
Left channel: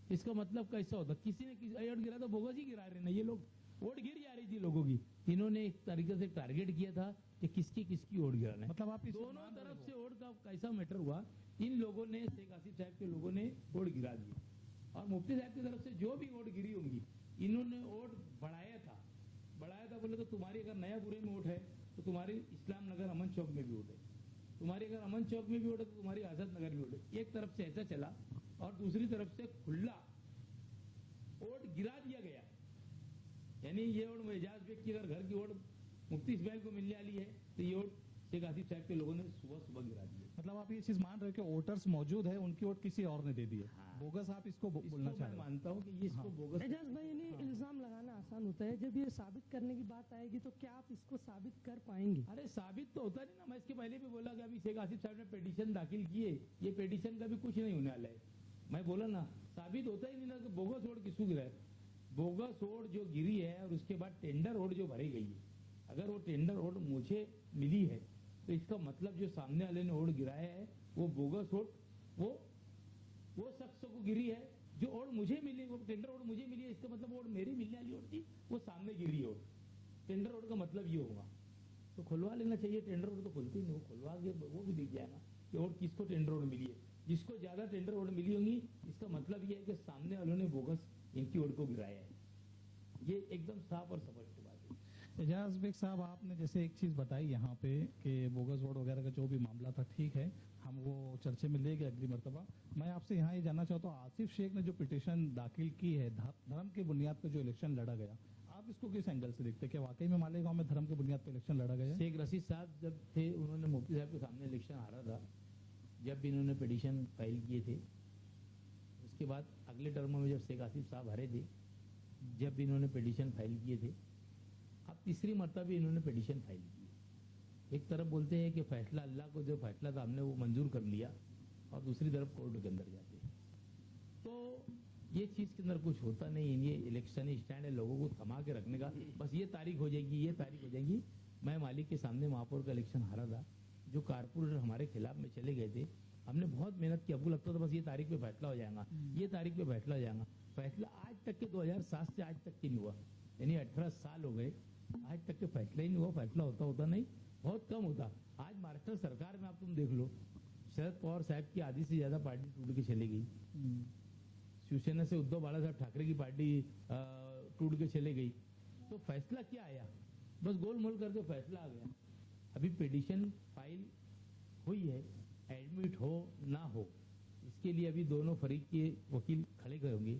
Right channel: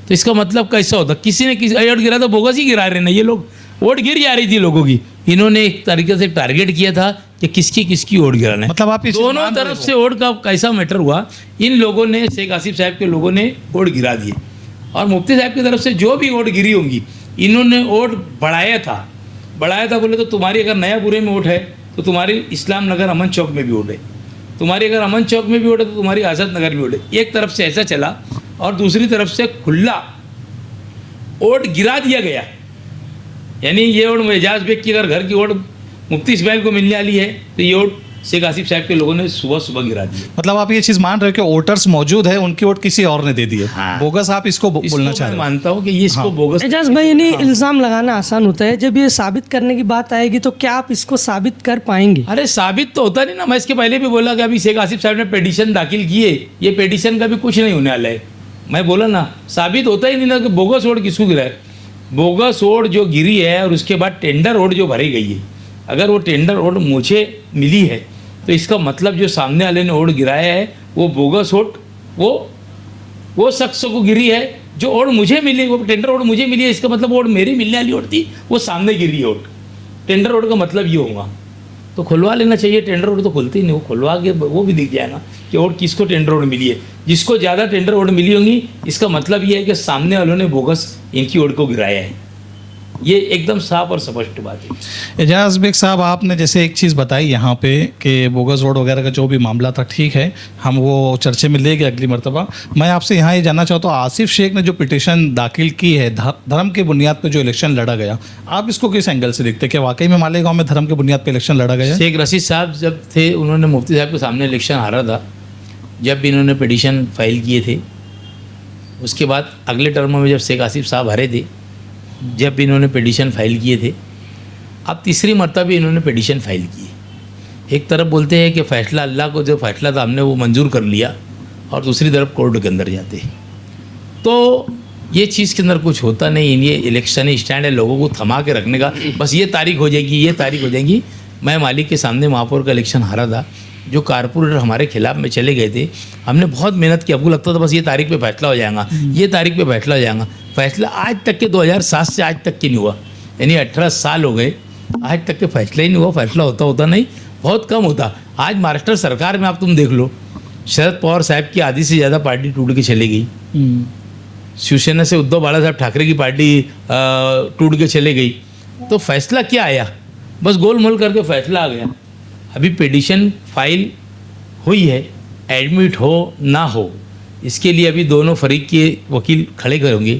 तो इसका मतलब कैसा होता, किसी ने किसी वोट गिरा तो बोगस ही गिरा रहे ना ये लोग, वोट गिर जा रही थी लोगों की। इन्होंने एक तरीके से टारगेट किया था कि किसकी वोट गिराना है। मतलब आप दोनों तरफ से वोट का कैसा मैटर हुआ, इन लोगों ने, शेख आसिफ साहब के लोगों ने वोट गिरा दिए और मुफ्ती साहब की तरफ से जो भी वोट गिरी होंगी इन्होंने वोट बढ़ाया था। बोले तो तुम्हारी अगर नयापुरे में वोट है तो तुम्हारी इस्लाम नगर अमन चौक में भी वोट है, तुम्हारी अगर अमन चौक में भी वोट है तो तुम्हारी आज़ाद नगर में वोट है। एक तरफ से ऐसा चला और दूसरी तरफ से खुला वोट गिरा दिया गया। यानी ये वोट एजाज बेग की अगर घर की वोट मुफ्ती इस्माइल को मिलने वाली है तो ये वोट शेख आसिफ साहब के लोगों ने सुबह गिरा दी। मतलब आप ये चीज़ मान रहे हो कि वोटर्स मौजूद है, उनकी वोट किसी और ने दे दी है। हाँ। बोगस आप इसको बोलना चाह रहे हो? मानता हूँ कि ये इसको बोगस। एजाज भाई, नहीं इल्ज़ाम लगाना आसान होता है, जब ये साबित करने की बात आएगी तो क्या आप इसको साबित कर पाएंगे? अरे साबित तो होता नहीं ना। मैं इसके पहले भी बोला कि अभी शेख आसिफ साहब ने पिटीशन दाखिल किए, ये पिटीशन का भी कुछ नहीं होने वाला है। मैं बोला ना साबित होता ही नहीं ना कि बोगस वोट किसको गिरा है। बोगस वोट जो गिरी है और उसके बाद टेंडर वोट जो भरी गई है, अगर वो टेंडर वोट मुझे मिली है तो इसका मतलब जो सामने वाले ने वोट गिराया है वो बोगस वोट वो वो शख्स को गिरी है जो वोट मुझे मिली, वो टेंडर वोट मुझे मिली है, इसका मतलब वोट मेरी मिलने वाली वोट थी, वो सामने गिरी है वोट। टेंडर वोट का मतलब ये होगा, तो खुलवा लेना चाहिए। टेंडर वोट तो खुलती ही नहीं, वो खुलवा के वो भी दिख जाएगा कि वोट किसको टेंडर वोट मिली है। जिसको ज़्यादा टेंडर वोट मिली होंगी, इसका मतलब ये है कि सामने वालों ने बोगस इनकी वोट को गिराया है। ये एकदम साफ और स्पष्ट बात है। एजाज बेग साहब, आपने जैसे एक चीज़ बताई यहाँ पे कि बोगस वोट वगैरह का जो भी मामला था, ठीक है, हम वो चर्चे में ले गए अगली मरतबा। मैं आपसे यहाँ ये जानना चाहता हूँ, आसिफ शेख ने जो पिटीशन दाखिल की है धर्म के बुनियाद पर जो इलेक्शन लड़ा गया, आप इसको किस एंगल से देखते हैं? कि वाकई में मालेगांव में धर्म के बुनियाद पर इलेक्शन लड़ा गया? शेख रशीद साहब जब थे, उन्होंने मुफ्ती साहब के सामने इलेक्शन हारा था। जब भी इन्होंने पिटीशन फाइल किए थे, उसके बाद अगले टर्म में जब शेख आसिफ साहब हारे थे, जब भी इन्होंने पिटीशन फाइल किए थे, अब तीसरी मरतबा भी इन्होंने पिटीशन फाइल की। एक तरफ बोलते हैं कि फ़ैसला अल्लाह को जो फ़ैसला था हमने वो मंजूर कर लिया, और दूसरी तरफ कोर्ट के अंदर जाते। तो ये चीज़ के अंदर कुछ होता नहीं। ये इलेक्शन स्टैंड है लोगों को थमा के रखने का, बस ये तारीख हो जाएगी, ये तारीख हो जाएगी। मैं मालिक के सामने महापौर का इलेक्शन हारा था, जो कारपोरेटर हमारे खिलाफ में चले गए थे, हमने बहुत मेहनत की। आपको लगता था बस ये तारीख पे फैसला हो जाएगा, ये तारीख पे फैसला हो जाएगा। फैसला आज तक के 2007 से आज तक की नहीं हुआ, यानी 18 साल हो गए, आज तक के फैसला ही नहीं हुआ। फैसला होता नहीं, बहुत कम होता। आज महाराष्ट्र सरकार में आप तुम देख लो, शरद पवार साहब की आधी से ज़्यादा पार्टी टूट के चले गई। शिवसेना से उद्धव बाला साहब ठाकरे की पार्टी टूट के चले गई। तो फैसला क्या आया? बस गोलमोल करके फैसला आ गया। अभी पिटीशन फाइल हुई है, एडमिट हो ना हो, इसके लिए अभी दोनों फरीक के वकील खड़े करेंगे,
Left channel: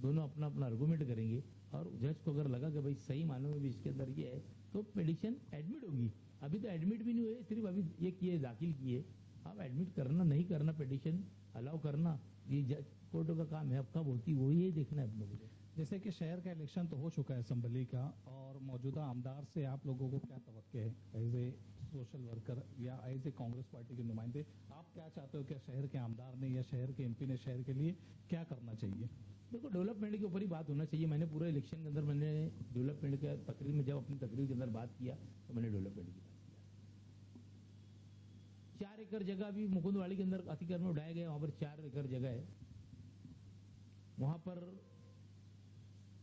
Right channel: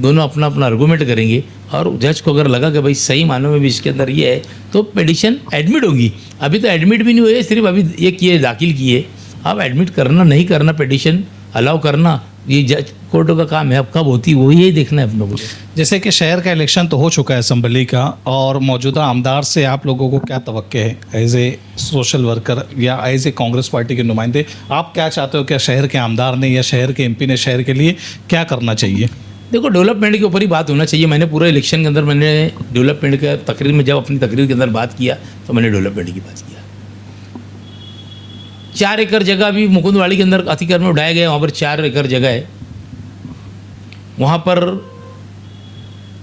दोनों अपना अपना आर्गूमेंट करेंगे, और जज को अगर लगा कि भाई सही मानों में भी इसके अंदर ये है, तो पिटीशन एडमिट होगी। अभी तो एडमिट भी नहीं हुई है, सिर्फ अभी ये किए, दाखिल किए। अब एडमिट करना नहीं करना, पिटीशन अलाउ करना, ये जज कोर्टों का काम है। अब कब होती वो यही देखना है अपनों को। जैसे कि शहर का इलेक्शन तो हो चुका है असम्बली का, और मौजूदा आमदार से आप लोगों को क्या तवक्के है एज ए सोशल वर्कर या एज ए कांग्रेस पार्टी के नुमाइंदे? आप क्या चाहते हो, क्या शहर के आमदार ने या शहर के एमपी ने शहर के लिए क्या करना चाहिए? देखो, डेवलपमेंट के ऊपर ही बात होना चाहिए। मैंने पूरे इलेक्शन के अंदर मैंने डेवलपमेंट का तकरीर में, जब अपनी तकरीर के अंदर बात किया तो मैंने डेवलपमेंट की बात किया। 4 एकड़ जगह भी मुकुंदवाड़ी के अंदर अतिक्रमण में उठाया गया, वहाँ पर 4 एकड़ जगह है, वहाँ पर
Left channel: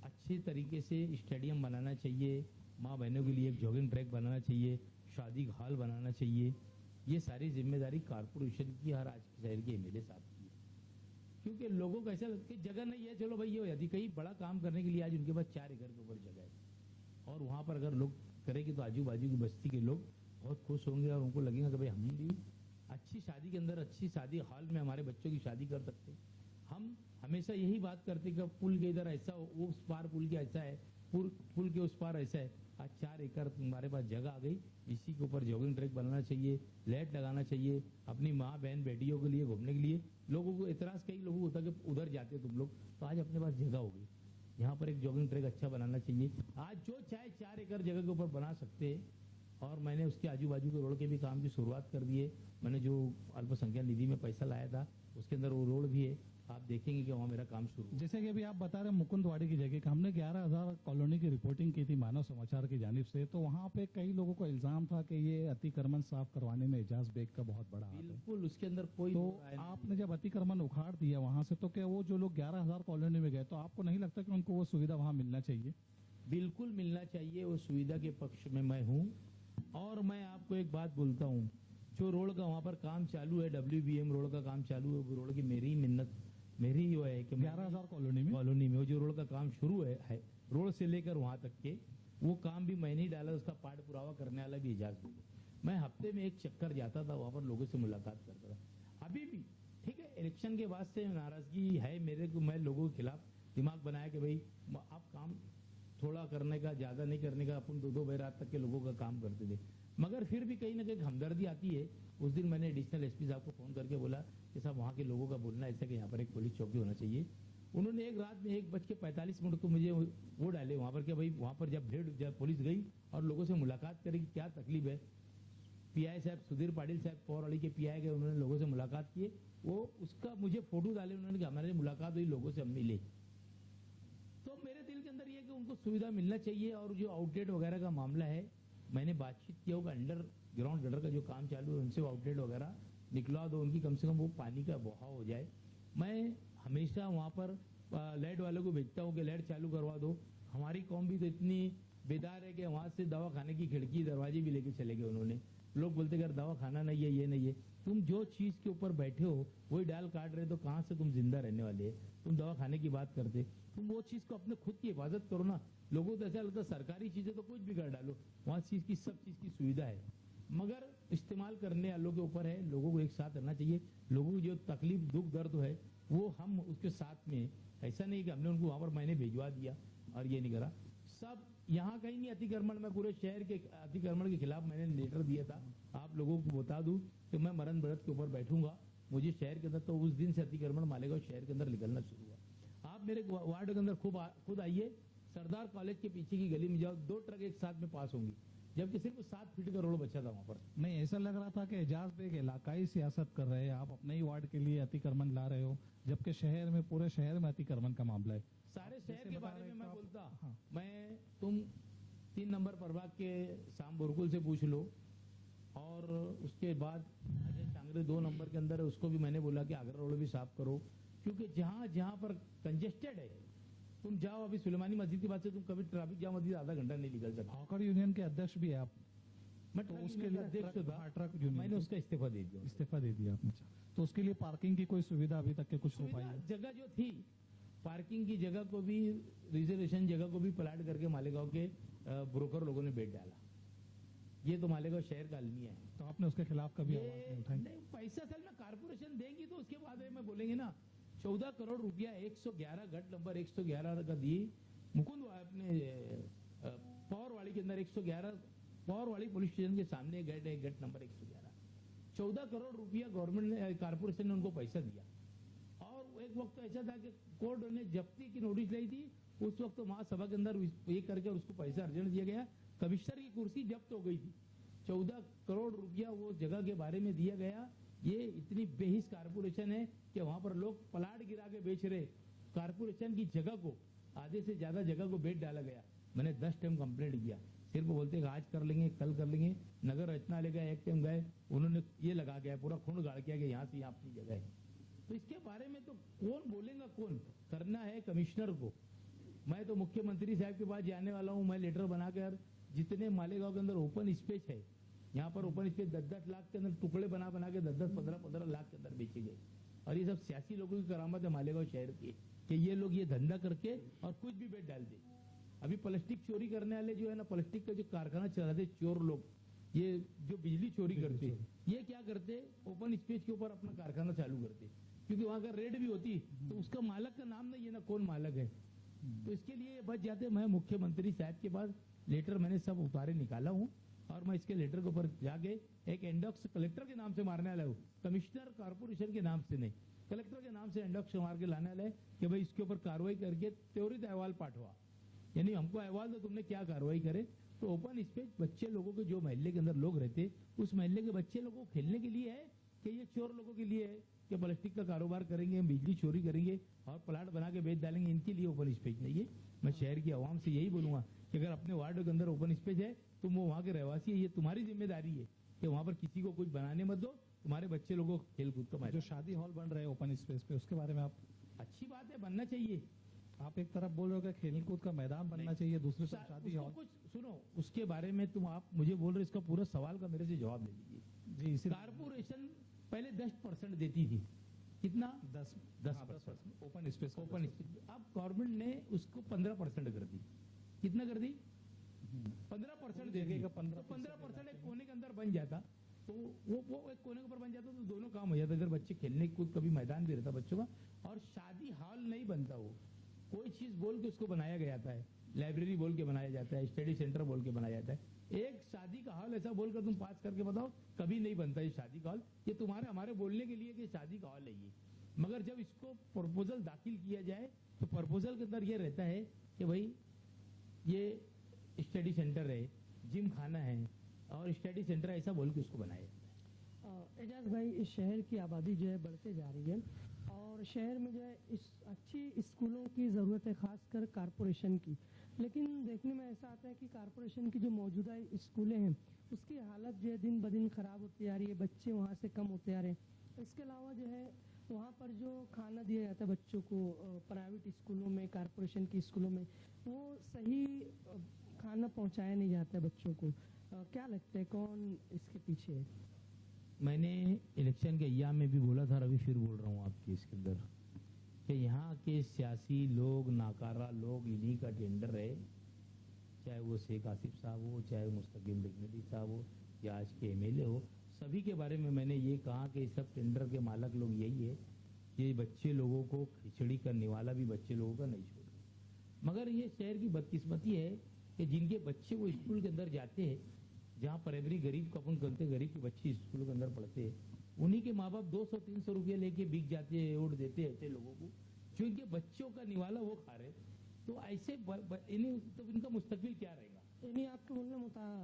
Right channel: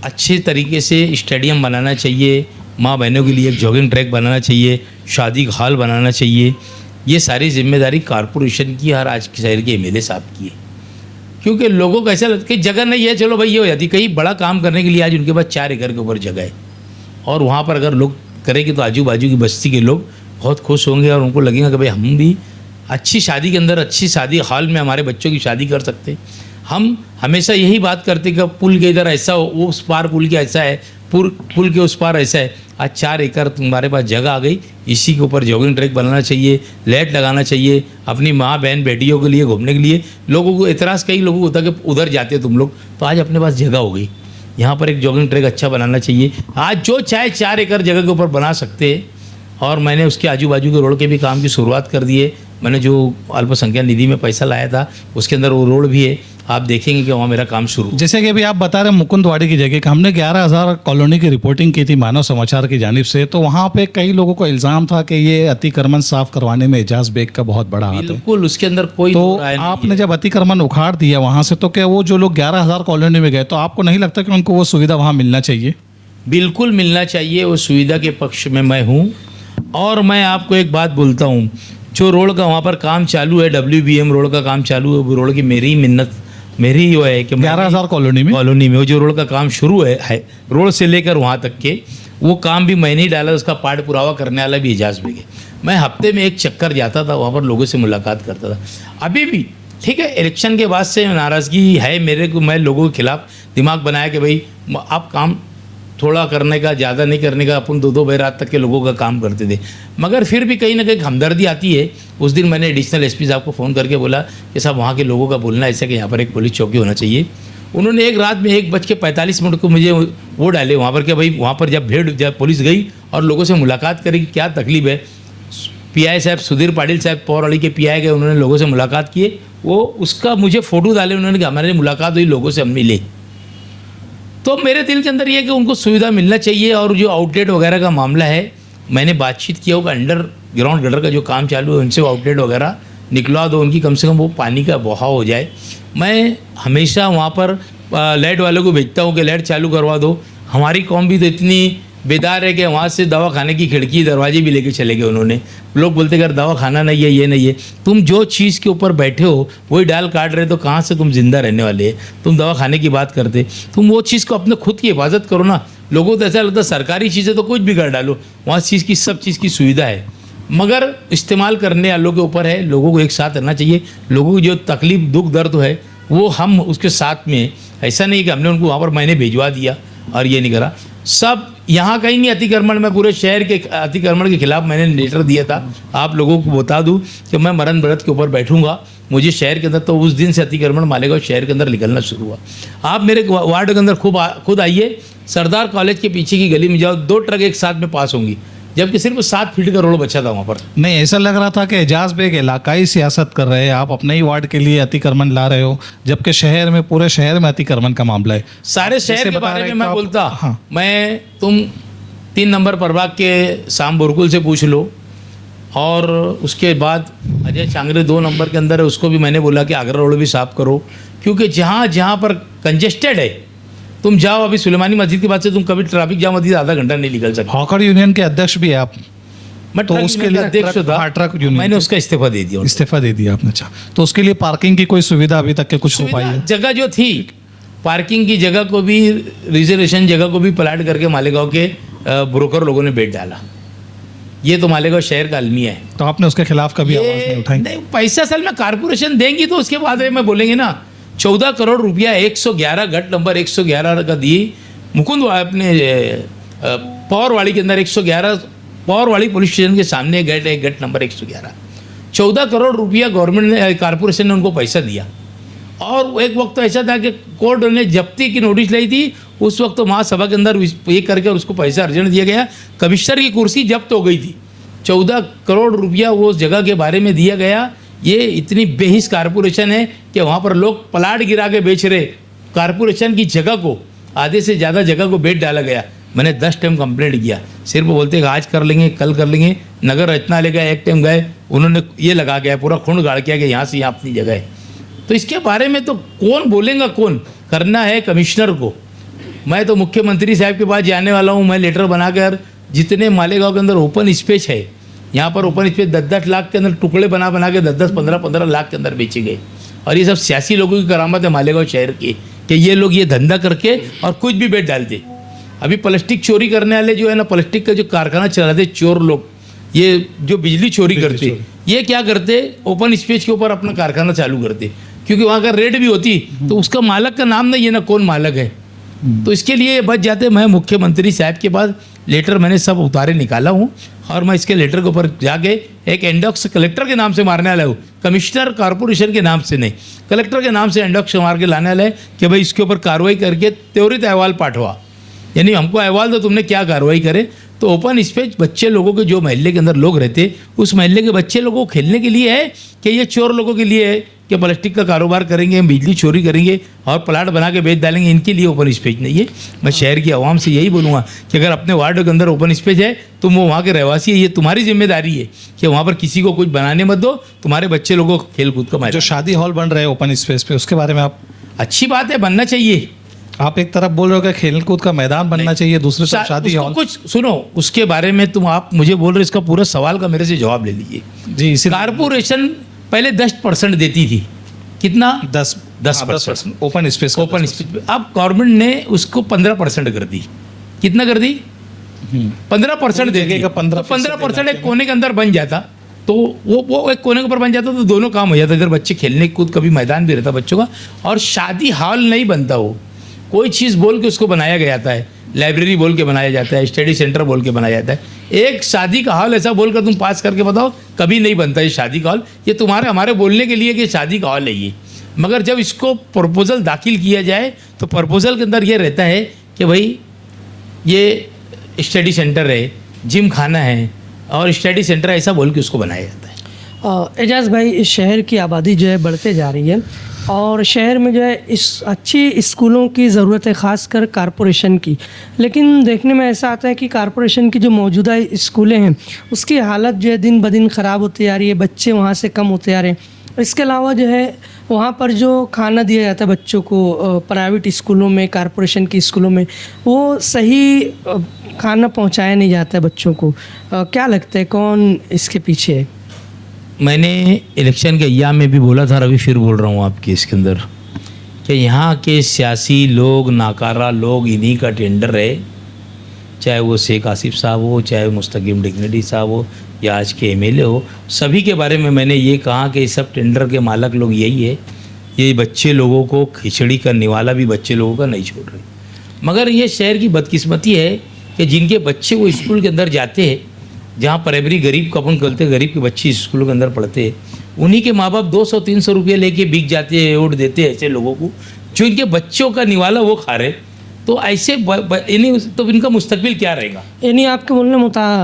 अच्छे तरीके से स्टेडियम बनाना चाहिए, माँ बहनों के लिए एक जॉगिंग ट्रैक बनाना चाहिए, शादी हॉल बनाना चाहिए। ये सारी जिम्मेदारी कॉरपोरेशन की, हर आज के शहर के एमएलए साहब की है। क्योंकि लोगों को ऐसा लगता है कि जगह नहीं है, चलो भाई ये हो जाती। कहीं बड़ा काम करने के लिए आज उनके पास 4 एकड़ के ऊपर जगह है, और वहाँ पर अगर लोग करेंगे तो आजू बाजू की बस्ती के लोग बहुत खुश होंगे, और उनको लगेगा कि भाई हम भी अच्छी शादी के अंदर, अच्छी शादी हॉल में हमारे बच्चों की शादी कर सकते। हम हमेशा यही बात करते कि पुल के इधर ऐसा हो, वो उस पार पुल के ऐसा है, पुल के उस पार ऐसा है। आज 4 एकड़ तुम्हारे पास जगह आ गई, इसी के ऊपर जॉगिंग ट्रैक बनाना चाहिए, लाइट लगाना चाहिए, अपनी माँ बहन बेटियों के लिए घूमने के लिए। लोगों को एतराज़ कई लोगों को होता है कि उधर जाते तुम लोग, तो आज अपने पास जगह हो गई, यहाँ पर एक जॉगिंग ट्रैक अच्छा बनाना चाहिए। आज जो चाहे 4 एकड़ जगह के ऊपर बना सकते हैं, और मैंने उसके आजू बाजू के रोड के भी काम की शुरुआत कर दी है। मैंने जो अल्पसंख्यक निधि में पैसा लाया था, उसके अंदर वो रोड भी है, आप देखेंगे कि वहाँ मेरा काम शुरू। जैसे कि अभी आप बता रहे हैं मुकुंदवाड़ी की जगह का, हमने 11,000 कॉलोनी की रिपोर्टिंग की थी मानव समाचार की जानिब से, तो वहाँ पे कई लोगों को इल्ज़ाम था कि ये अतिक्रमण साफ करवाने में एजाज बेग का बहुत बड़ा हाथ है। बिल्कुल, उसके अंदर कोई तो राय नहीं आपने जब अतिक्रमण उखाड़ दिया वहाँ से, तो क्या वो जो लोग 11,000 कॉलोनी में गए, तो आपको नहीं लगता कि उनको वो सुविधा वहाँ मिलना चाहिए? बिल्कुल मिलना चाहिए, वो सुविधा के पक्ष में मैं हूँ। और मैं आपको एक बात बोलता हूँ, जो रोड का वहाँ पर काम चालू है, WBM रोड का काम चालू है, वो रोड की मेरी मिन्नत, मेरी वो है कि 11,000 कॉलोनी में वो जो रोड का काम शुरू है रोड से लेकर वहाँ तक के, वो काम भी मैंने ही डाला, उसका पाठ पुरावा करने वाला भी एजाज बेग है। मैं हफ्ते में एक चक्कर जाता था, वहाँ पर लोगों से मुलाकात करता था। अभी भी ठीक है, इलेक्शन के बाद से नाराज़गी है मेरे को, मैं लोगों के खिलाफ दिमाग बनाया कि भाई आप काम थोड़ा करने का, ज़्यादा नहीं करने का। अपन 2-2 बजे रात तक के लोगों का काम करते थे, मगर फिर भी कहीं ना कहीं हमदर्दी आती है। उस दिन मैंने एडिशनल SP साहब को फ़ोन करके बोला कि साहब वहाँ के लोगों का बोलना ऐसा कि यहाँ पर एक पुलिस चौकी होना चाहिए। उन्होंने एक रात में 1:45 को मुझे वो डाले वहाँ पर कि भाई वहाँ पर जब पुलिस गई और लोगों से मुलाकात करी, क्या तकलीफ है। PI साहब सुधीर पाटिल साहब पौरवाड़ी के PI गए, उन्होंने लोगों से मुलाकात किए, वो उसका मुझे फ़ोटो डाले, उन्होंने कहा हमारी मुलाकात हुई, लोगों से हम मिले। तो मेरे दिल के अंदर ये है कि उनको सुविधा मिलना चाहिए। और जो आउटलेट वगैरह का मामला है, मैंने बातचीत किया होगा, अंडरग्राउंड गटर का जो काम चालू है, उनसे आउटलेट वगैरह निकलवा दो, उनकी कम से कम वो पानी का बहाव हो जाए। मैं हमेशा वहाँ पर लाइट वालों को भेजता हूँ कि लाइट चालू करवा दो। हमारी कौम भी तो इतनी बेदार है कि वहाँ से दवा खाने की खिड़की दरवाजे भी लेके चले गए उन्होंने। लोग बोलते अगर दवा खाना नहीं है, ये नहीं है। तुम जो चीज़ के ऊपर बैठे हो वही डाल काट रहे, तो कहाँ से तुम जिंदा रहने वाले हैं? तुम दवा खाने की बात करते, तुम वो चीज़ को अपने खुद की हिफाजत करो ना। लोगों को तो ऐसा लगता है सरकारी चीज़ें तो कुछ भी कर डालो, वहाँ चीज़ की सब चीज़ की सुविधा है, मगर इस्तेमाल करने वालों के ऊपर है। लोगों को एक साथ रहना चाहिए। लोगों की जो तकलीफ दुख दर्द है वो हम उसके साथ में, ऐसा नहीं कि हमने उनको वहाँ पर मैंने भिजवा दिया और ये नहीं करा। सब यहाँ कहीं नहीं अतिक्रमण, मैं पूरे शहर के अतिक्रमण के खिलाफ मैंने लेटर दिया था। आप लोगों को बता दूं कि मैं मरण व्रत के ऊपर बैठूंगा। मुझे शहर के अंदर, तो उस दिन से अतिक्रमण मालेगांव शहर के अंदर निकलना शुरू हुआ। आप मेरे वार्ड के अंदर खुद आइए, सरदार कॉलेज के पीछे की गली में जाओ, 2 ट्रक एक साथ में पास होंगी, जबकि सिर्फ 7 फीट का रोड बचा था वहाँ पर। नहीं, ऐसा लग रहा था कि एजाज बेग इलाकाई सियासत कर रहे हैं, आप अपने ही वार्ड के लिए अतिक्रमण ला रहे हो, जबकि शहर में, पूरे शहर में अतिक्रमण का मामला है। सारे शहर के बारे में मैं बोलता। हाँ। मैं, तुम 3 नंबर प्रभाग के शाम बुरकुल से पूछ लो, और उसके बाद अजय चांगरे 2 नंबर के अंदर है, उसको भी मैंने बोला कि आगरा रोड भी साफ करो, क्योंकि जहाँ जहाँ पर कंजेस्टेड है, तुम जाओ अभी सुलेमानी मस्जिद के बाद से तुम कभी ट्रैफिक जाम होती आधा घंटा नहीं निकल सकते। हॉकर यूनियन के अध्यक्ष भी है आप? मैं तो ट्रक उसके यूनियन का लिए अध्यक्ष था, ट्रक यूनियन मैंने उसका इस्तीफा दे दिया। इस्तीफा दे दिया आपने? अच्छा, तो उसके लिए पार्किंग की कोई सुविधा अभी तक के कुछ हो पाई है? जगह जो थी पार्किंग की जगह को भी, रिजर्वेशन जगह को भी प्लाट करके मालेगांव के ब्रोकर लोगों ने बेच डाला। ये तो मालेगांव शहर का अलमिया है। तो आपने उसके खिलाफ कभी आवाज नहीं उठाई? नहीं, पैसा असल में कारपोरेशन देंगी तो उसके बाद में बोलेंगे ना। 14 करोड़ रुपया 111 गट नंबर 111 का दी मुकुंद अपने पौरवाड़ी के अंदर 111 पौरवाड़ी पुलिस स्टेशन के सामने गेट है, गट नंबर 111। 14 करोड़ रुपया गवर्नमेंट ने, कारपोरेशन ने उनको पैसा दिया। और एक वक्त तो ऐसा था कि कोर्ट ने जब्ती की नोटिस लाई थी, उस वक्त तो महासभा के अंदर ये करके उसको पैसा अर्जन दिया गया, कमिश्नर की कुर्सी जब्त हो गई थी। 14 करोड़ रुपया वो जगह के बारे में दिया गया। ये इतनी बेहिस कारपोरेशन है कि वहाँ पर लोग प्लाट गिरा के बेच रहे। कारपोरेशन की जगह को, आधे से ज़्यादा जगह को बेच डाला गया। मैंने 10 टाइम कंप्लेंट किया, सिर्फ बोलते कि आज कर लेंगे, कल कर लेंगे। नगर रचना ले गए, एक टाइम गए, उन्होंने ये लगा गया, पूरा खून गाड़ किया कि यहाँ से यहाँ अपनी जगह है। तो इसके बारे में तो कौन बोलेगा, कौन करना है कमिश्नर को। मैं तो मुख्यमंत्री साहब के पास जाने वाला हूँ। मैं लेटर बनाकर जितने मालेगांव के अंदर ओपन स्पेस है, यहाँ पर ओपन स्पेस 10-10 लाख के अंदर टुकड़े बना के 10-10, 15-15 लाख के अंदर बेचे गए। और ये सब सियासी लोगों की करामत है मालेगांव शहर की, कि ये लोग ये धंधा करके और कुछ भी बेच डालते। अभी प्लास्टिक चोरी करने वाले जो है ना, प्लास्टिक का जो कारखाना चलाते चोर लोग, ये जो बिजली चोरी करते, ये क्या करते, ओपन स्पेस के ऊपर अपना कारखाना चालू करते, क्योंकि वहाँ का रेट भी होती, तो उसका मालक का नाम नहीं है ना, कौन मालक है। तो इसके लिए बच जाते। मैं मुख्यमंत्री साहब के पास लेटर मैंने सब उतारे निकाला हूँ, और मैं इसके लेटर के ऊपर जाके एक एंडॉक्स कलेक्टर के नाम से मारने वाला हूँ, कमिश्नर कॉरपोरेशन के नाम से नहीं, कलेक्टर के नाम से एंडॉक्स मार के लाने वाला है कि भाई इसके ऊपर कार्रवाई करके त्वरित अहवाल पाठवा। यानी हमको अहवाल दो तुमने क्या कार्रवाई करे। तो ओपन स्पेस बच्चे लोगों के, जो मोहल्ले के अंदर लोग रहते, उस मोहल्ले के बच्चे लोगों को खेलने के लिए है कि ये चोर लोगों के लिए है कि प्लास्टिक का कारोबार करेंगे, बिजली चोरी करेंगे और प्लाट बना के बेच डालेंगे, इनके लिए ओपन स्पेस नहीं है। मैं शहर की आवाम से यही बोलूँगा कि अगर अपने वार्ड के अंदर ओपन स्पेस है, तुम वो वहाँ के रहवासी है, ये तुम्हारी जिम्मेदारी है कि वहाँ पर किसी को कुछ बनाने मत दो, तुम्हारे बच्चे लोगों को खेल कूद का मैदान। जो शादी हॉल बन रहे हैं ओपन स्पेस पे, उसके बारे में आप? अच्छी बात है, बनना चाहिए। आप एक तरफ बोल रहे हो कि खेल कूद का मैदान बनना चाहिए, दूसरी तरफ शादी हॉल। कुछ सुनो, उसके बारे में तुम आप मुझे बोल रहे, इसका पूरा सवाल का मेरे से जवाब ले लीजिए। जी, इसी कारपोरेशन पहले 10% देती थी, कितना? 10% ओपन स्पेस। Open space. अब गवर्नमेंट ने उसको 15% कर दी। कितना कर दी? 15% दे देगा। 15% एक कोने के अंदर बन जाता, तो वो एक कोने के ऊपर बन जाता तो दोनों काम हो जाता। इधर बच्चे खेलने कूद, कभी मैदान भी रहता बच्चों का, और शादी हॉल नहीं बनता। वो कोई चीज़ बोल के उसको बनाया गया था है, लाइब्रेरी बोल के बनाया जाता है, स्टडी सेंटर बोल के बनाया जाता है। एक शादी का हॉल ऐसा बोलकर तुम पास करके बताओ, कभी नहीं बनता ये शादी का हॉल। ये तुम्हारे हमारे बोलने के लिए कि शादी का हॉल है ये, मगर जब इसको प्रपोजल दाखिल किया जाए तो प्रपोजल के अंदर ये रहता है कि भाई ये स्टडी सेंटर है, जिम खाना है और स्टडी सेंटर ऐसा बोल के उसको बनाया जाता है। एजाज भाई, इस शहर की आबादी जो है बढ़ते जा रही है, और शहर में जो है इस अच्छी स्कूलों की ज़रूरत है, ख़ासकर कारपोरेशन की। लेकिन देखने में ऐसा आता है कि कारपोरेशन की जो मौजूदा स्कूलें हैं उसकी हालत जो है दिन ब दिन ख़राब होती जा रही है, बच्चे वहाँ से कम होते जा रहे हैं। इसके अलावा जो है वहाँ पर जो खाना दिया जाता है बच्चों को प्राइवेट स्कूलों में, कारपोरेशन की स्कूलों में, वो सही खाना पहुँचाया नहीं जाता है बच्चों को। क्या लगता है कौन इसके पीछे है? मैंने इलेक्शन के अय्याम में भी बोला था और अभी फिर बोल रहा हूँ आपके इसके अंदर कि यहाँ के सियासी लोग, नाकारा लोग, इन्हीं का टेंडर है। चाहे वो शेख आसिफ साहब हो, चाहे मुस्तकीम डिग्निटी साहब हो, या आज के एमएलए हो, सभी के बारे में मैंने ये कहा कि सब टेंडर के मालक लोग यही है। ये बच्चे लोगों को खिचड़ी का निवाला भी बच्चे लोगों का नहीं छोड़ रहे। मगर ये शहर की बदकिस्मती है कि जिनके बच्चे वो स्कूल के अंदर जाते हैं, जहाँ प्राइमरी गरीब का अपन कहते हैं, गरीब के बच्चे स्कूलों के अंदर पढ़ते हैं, उन्हीं के माँ बाप 200-300 रुपये लेके बिक जाते हैं, वोट देते हैं ऐसे लोगों को जो इनके बच्चों का निवाला वो खा रहे। तो ऐसे इन्हीं तो इनका मुस्तकबिल क्या रहेगा? यानी आपके बोलने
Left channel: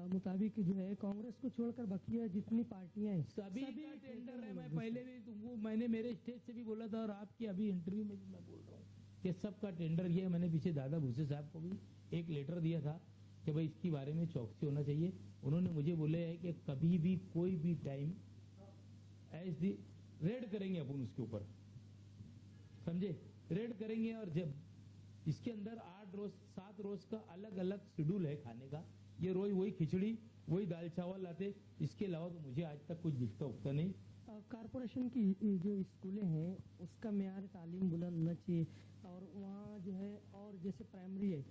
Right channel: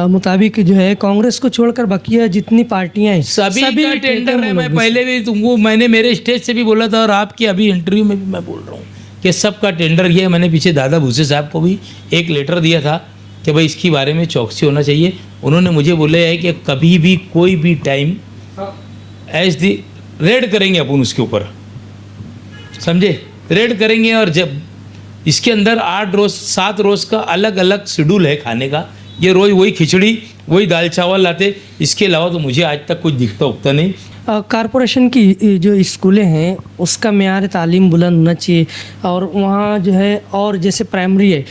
मुताबिक जो है कांग्रेस को छोड़कर बाकी जितनी पार्टियां हैं सभी का टेंडर है। मैं पहले भी तुमको मैंने मेरे स्टेज से भी बोला था और आपकी अभी इंटरव्यू में भी मैं बोल रहा हूँ कि सबका टेंडर ये है। मैंने पीछे दादा भूसे साहब को भी एक लेटर दिया था कि भाई इसके बारे में चौकसी होना चाहिए। उन्होंने मुझे बोला है कि कभी भी कोई भी टाइम एज दी रेड करेंगे अपन उसके ऊपर, समझे, रेड करेंगे। और जब इसके अंदर 8 रोज़ 7 रोज़ का अलग अलग शेड्यूल है खाने का। ये रोज़ वही खिचड़ी, वही दाल चावल लाते, इसके अलावा तो मुझे आज तक कुछ दिखता उगता नहीं। कारपोरेशन की जो स्कूलें हैं उसका मेयार तालीम बुलंद होना चाहिए और वहाँ जो है, और जैसे प्राइमरी है,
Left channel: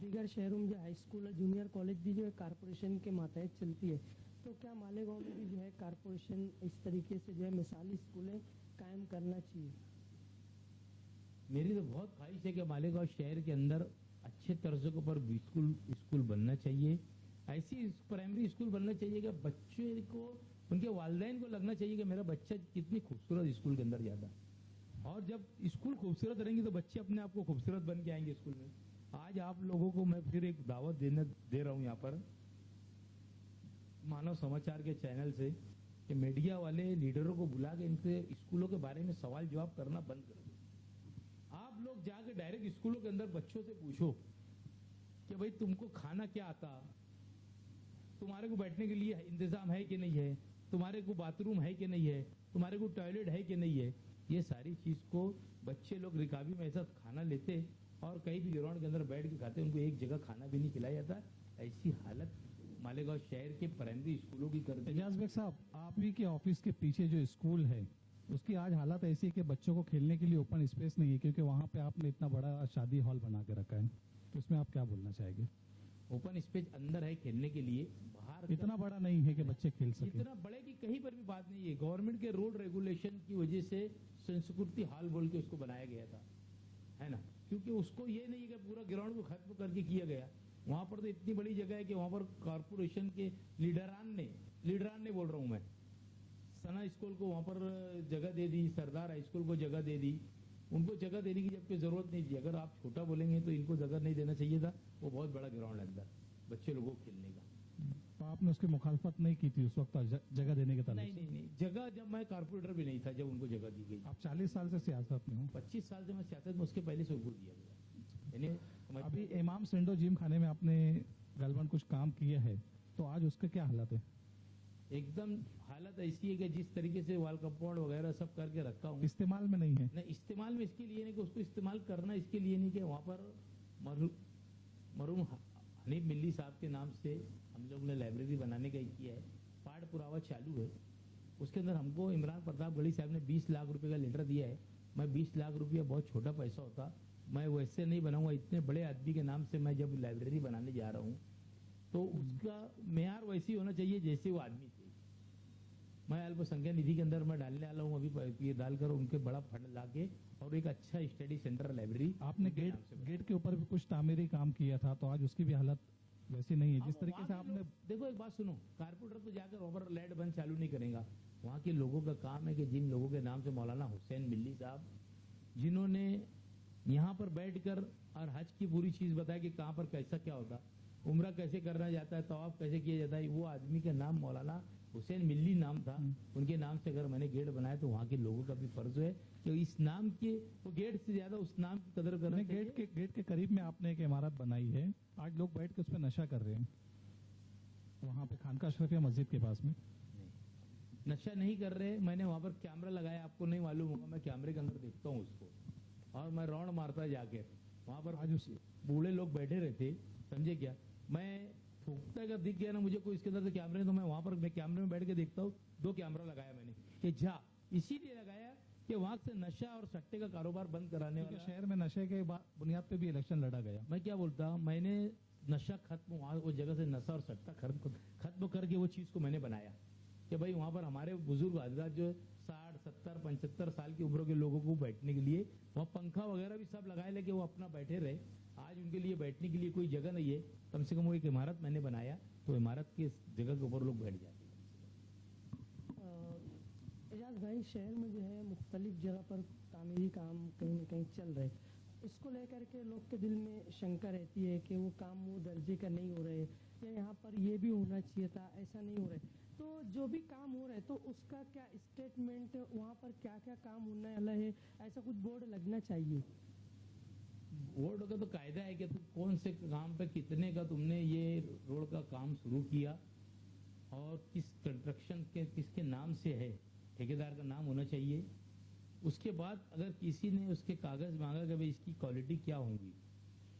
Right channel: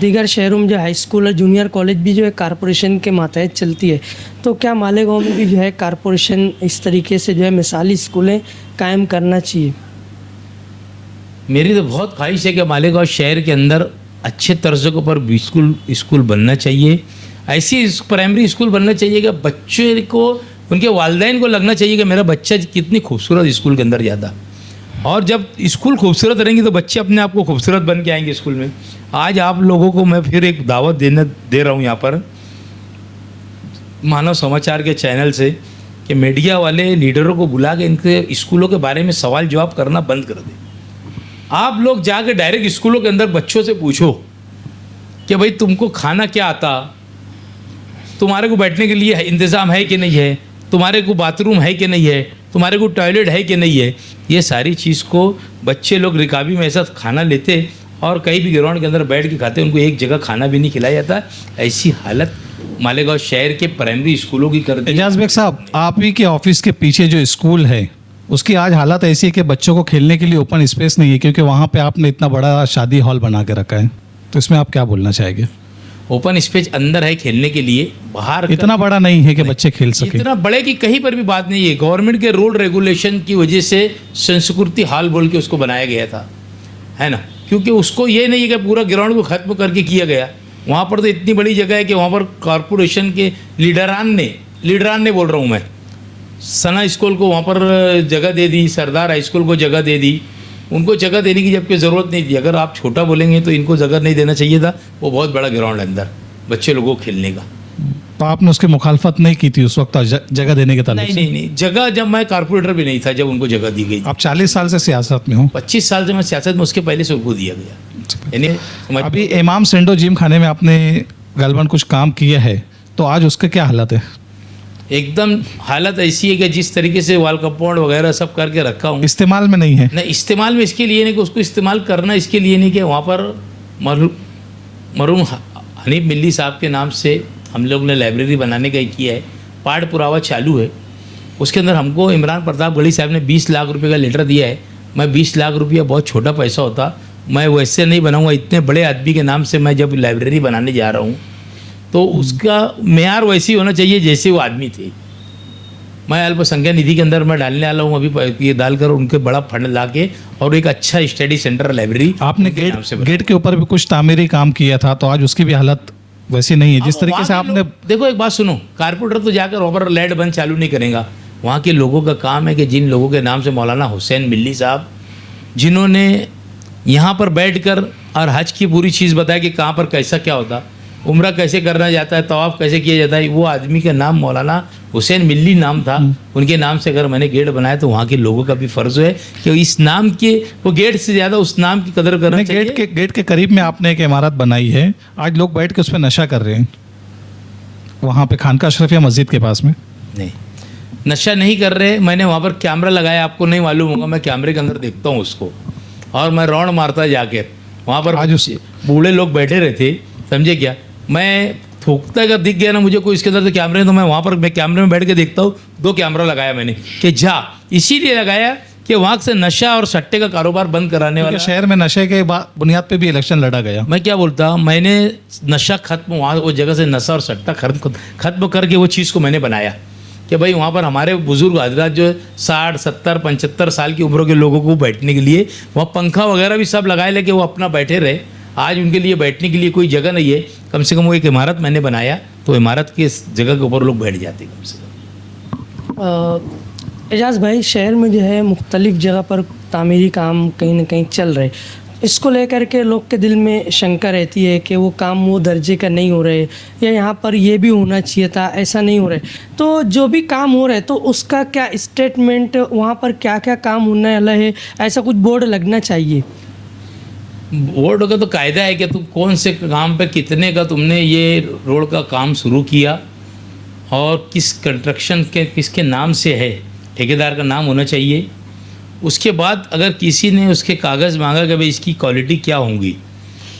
दीगर शहरों में जो हाई स्कूल और जूनियर कॉलेज भी जो है कारपोरेशन के मातहत चलती है। तो क्या मालेगांव में भी जो है कारपोरेशन इस तरीके से जो है मिसाली स्कूलें कायम करना चाहिए? मेरी तो बहुत ख्वाहिश है कि मालेगांव शहर के अंदर अच्छे तर्ज़ के ऊपर स्कूल बनना चाहिए। ऐसी प्राइमरी स्कूल बनना चाहिए कि बच्चे को, उनके वालिदैन को लगना चाहिए कि मेरा बच्चा कितनी खूबसूरत स्कूल के अंदर जाता। और जब स्कूल खूबसूरत रहेंगे तो बच्चे अपने आप को खूबसूरत बन के आएंगे स्कूल में। आज आप लोगों को मैं फिर एक दावत दे रहा हूँ यहाँ पर मानव समाचार के चैनल से कि मीडिया वाले लीडरों को बुला के इनके स्कूलों के बारे में सवाल जवाब करना बंद कर दें। आप लोग जाके डायरेक्ट स्कूलों के अंदर बच्चों से पूछो कि भाई तुमको खाना क्या आता, तुम्हारे को बैठने के लिए इंतज़ाम है कि नहीं है, तुम्हारे को बाथरूम है कि नहीं है, तुम्हारे को टॉयलेट है कि नहीं है। ये सारी चीज़ को बच्चे लोग रिकाबी में ऐसा खाना लेते और कहीं भी ग्राउंड के अंदर बैठ के खाते, उनको एक जगह खाना भी नहीं खिलाया जाता। ऐसी हालत मालेगांव शहर के प्राइमरी स्कूलों की कर दी। एजाज बेग साहब, आप ही के ऑफिस के पीछे जो स्कूल है उसकी आज हालत ऐसी है कि बच्चों को खेलने के लिए ओपन स्पेस नहीं है, क्योंकि वहाँ पे आपने इतना बड़ा शादी हॉल बना के रखा है। तो इसमें आप क्या बोलना चाहेंगे? ओपन स्पेस अंदर है खेलने के लिए, बाहर इतना बड़ा नहीं है कि बच्चे खेल सके। इतना बड़े की कहीं पर भी बात नहीं है। गवर्नमेंट के रूल रेगुलेशन की वजह से संस्कृति हॉल बोल के उसको बनाया गया था, है ना, क्योंकि उसको ये नहीं है कि पूरा ग्राउंड को ख़त्म करके किया गया। वहाँ पर तो इतनी बड़ी जगह है कि वहाँ पर कॉरपोरेशन के लीडरान ने बोल रहा हूँ मैं, सना स्कूल को वहाँ पर जगह दे दी, सरदार हाई स्कूल को जगह दे दी। उनको जगह देने की जबकि ज़रूरत नहीं थी। अगर आप छोटा बोलेंगे तो इनको जगह नहीं देना चाहिए था। वो बहुत बड़ा ग्राउंड है अंदर बच्चे लोगों को खेलने का। तो आपने उसकी मुखालफत नहीं की थी उस वक्त जगह देने के ताल्लुक से? नहीं, जगह जब मैं कारपोरेटर भी नहीं था जब उनको जगह दी गई। आप 40 साल से सियासत में हो। 25 साल से मैं सियासत में, उसके पहले से उनको दिया गया। यानी अभी इमाम सेंडो जिम खाने में आपने गलबन कुछ काम किया है, तो आज उसका क्या हालत है? एकदम हालत ऐसी है कि जिस तरीके से वॉल कंपाउंड वगैरह सब करके रखा हूँ, इस्तेमाल में नहीं है। नहीं, इस्तेमाल में इसके लिए नहीं कि उसको इस्तेमाल करना इसके लिए नहीं कि वहाँ पर मरहूम हनीफ मिल्ली साहब के नाम से हम लोग ने लाइब्रेरी बनाने का किया है। पाठ पुरावा चालू है। उसके अंदर हमको इमरान प्रतापगढ़ी साहब ने 20 लाख रुपए का लेटर दिया है। मैं 20 लाख रुपया बहुत छोटा पैसा होता, मैं वैसे नहीं बनाऊँगा। इतने बड़े आदमी के नाम से मैं जब लाइब्रेरी बनाने जा रहा हूँ तो उसका मेयार वैसी होना चाहिए जैसे वो आदमी थे। मैं अल्पसंख्यक निधि के अंदर मैं डालने वाला हूँ अभी, ये डालकर उनके बड़ा फंड ला के और एक अच्छा स्टडी सेंटर लाइब्रेरी। आपने गेट के ऊपर भी कुछ तामीरी काम किया था, तो आज उसकी भी हालत वैसी नहीं है जिस तरीके से आपने। देखो एक बात सुनो, कारपोरेटर तो जाकर वहाँ पर लाइट बंद चालू नहीं करेगा। वहाँ के लोगों का काम है कि जिन लोगों के नाम से मौलाना हुसैन मिल्ली साहब, जिन्होंने यहाँ पर बैठकर और हज की पूरी चीज़ बताया कि कहाँ पर कैसा क्या होता, उम्रा कैसे करना जाता है, तवाफ़ कैसे किया जाता है, वो आदमी का नाम मौलाना हुसैन मिल्ली नाम था। उनके नाम से अगर मैंने गेट बनाया तो वहाँ के लोगों का भी फ़र्ज़ है कि इस नाम के, वो गेट से ज़्यादा उस नाम की कदर करना चाहिए। गेट के करीब में आपने एक इमारत बनाई है, आज लोग बैठ के उस पर नशा कर रहे हैं, वहाँ पे खानका अशरफिया मस्जिद के पास में। नहीं, नशा नहीं कर रहे, मैंने वहाँ पर कैमरा लगाया, आपको नहीं मालूम होगा, मैं कैमरे के अंदर देखता हूँ उसको, और मैं रौंड मारता जाकर वहाँ पर आज उस- बूढ़े लोग बैठे रहे थे, समझे क्या, मैं थूकता अगर दिख गया ना मुझे कोई इसके अंदर से कैमरे, तो मैं वहाँ पर मैं कैमरे में बैठ के देखता हूँ, 2 कैमरा लगाया मैंने कि जा, इसीलिए लगाया कि वहाँ से नशा और सट्टे का कारोबार बंद कराने वाला। शहर में नशे के बुनियाद पे भी इलेक्शन लड़ा गया। मैं क्या बोलता हूँ, मैंने नशा खत्म, वहाँ वो जगह से नशा और सट्टा खत्म करके वो चीज़ को मैंने बनाया कि भाई वहाँ पर हमारे बुजुर्ग हजरात जो 60, 70, 75 साल की उम्र के लोगों को बैठने के लिए वहाँ पंखा वगैरह भी सब लगाए लेके वो अपना बैठे रहे। आज उनके लिए बैठने के लिए कोई जगह नहीं है, कम से कम वो एक इमारत मैंने बनाया, तो इमारत के जगह के ऊपर लोग बैठ जाते कम से कम। एजाज़ भाई, शहर में जो है मुख्तलिफ जगह पर तामीरी काम कहीं ना कहीं चल रहे, इसको लेकर के लोग के दिल में शंका रहती है कि वो काम वो दर्जे का नहीं हो रहे, या यहाँ पर ये भी होना चाहिए था, ऐसा नहीं हो रहे। तो जो भी काम हो रहा है तो उसका क्या स्टेटमेंट, वहाँ पर क्या क्या काम होने वाला है, ऐसा कुछ बोर्ड लगना चाहिए। बोर्ड का तो कायदा है कि तुम कौन से काम पे कितने का तुमने ये रोड का काम शुरू किया और किस कंस्ट्रक्शन के किसके नाम से है, ठेकेदार का नाम होना चाहिए। उसके बाद अगर किसी ने उसके कागज़ मांगा कि भाई इसकी क्वालिटी क्या होंगी,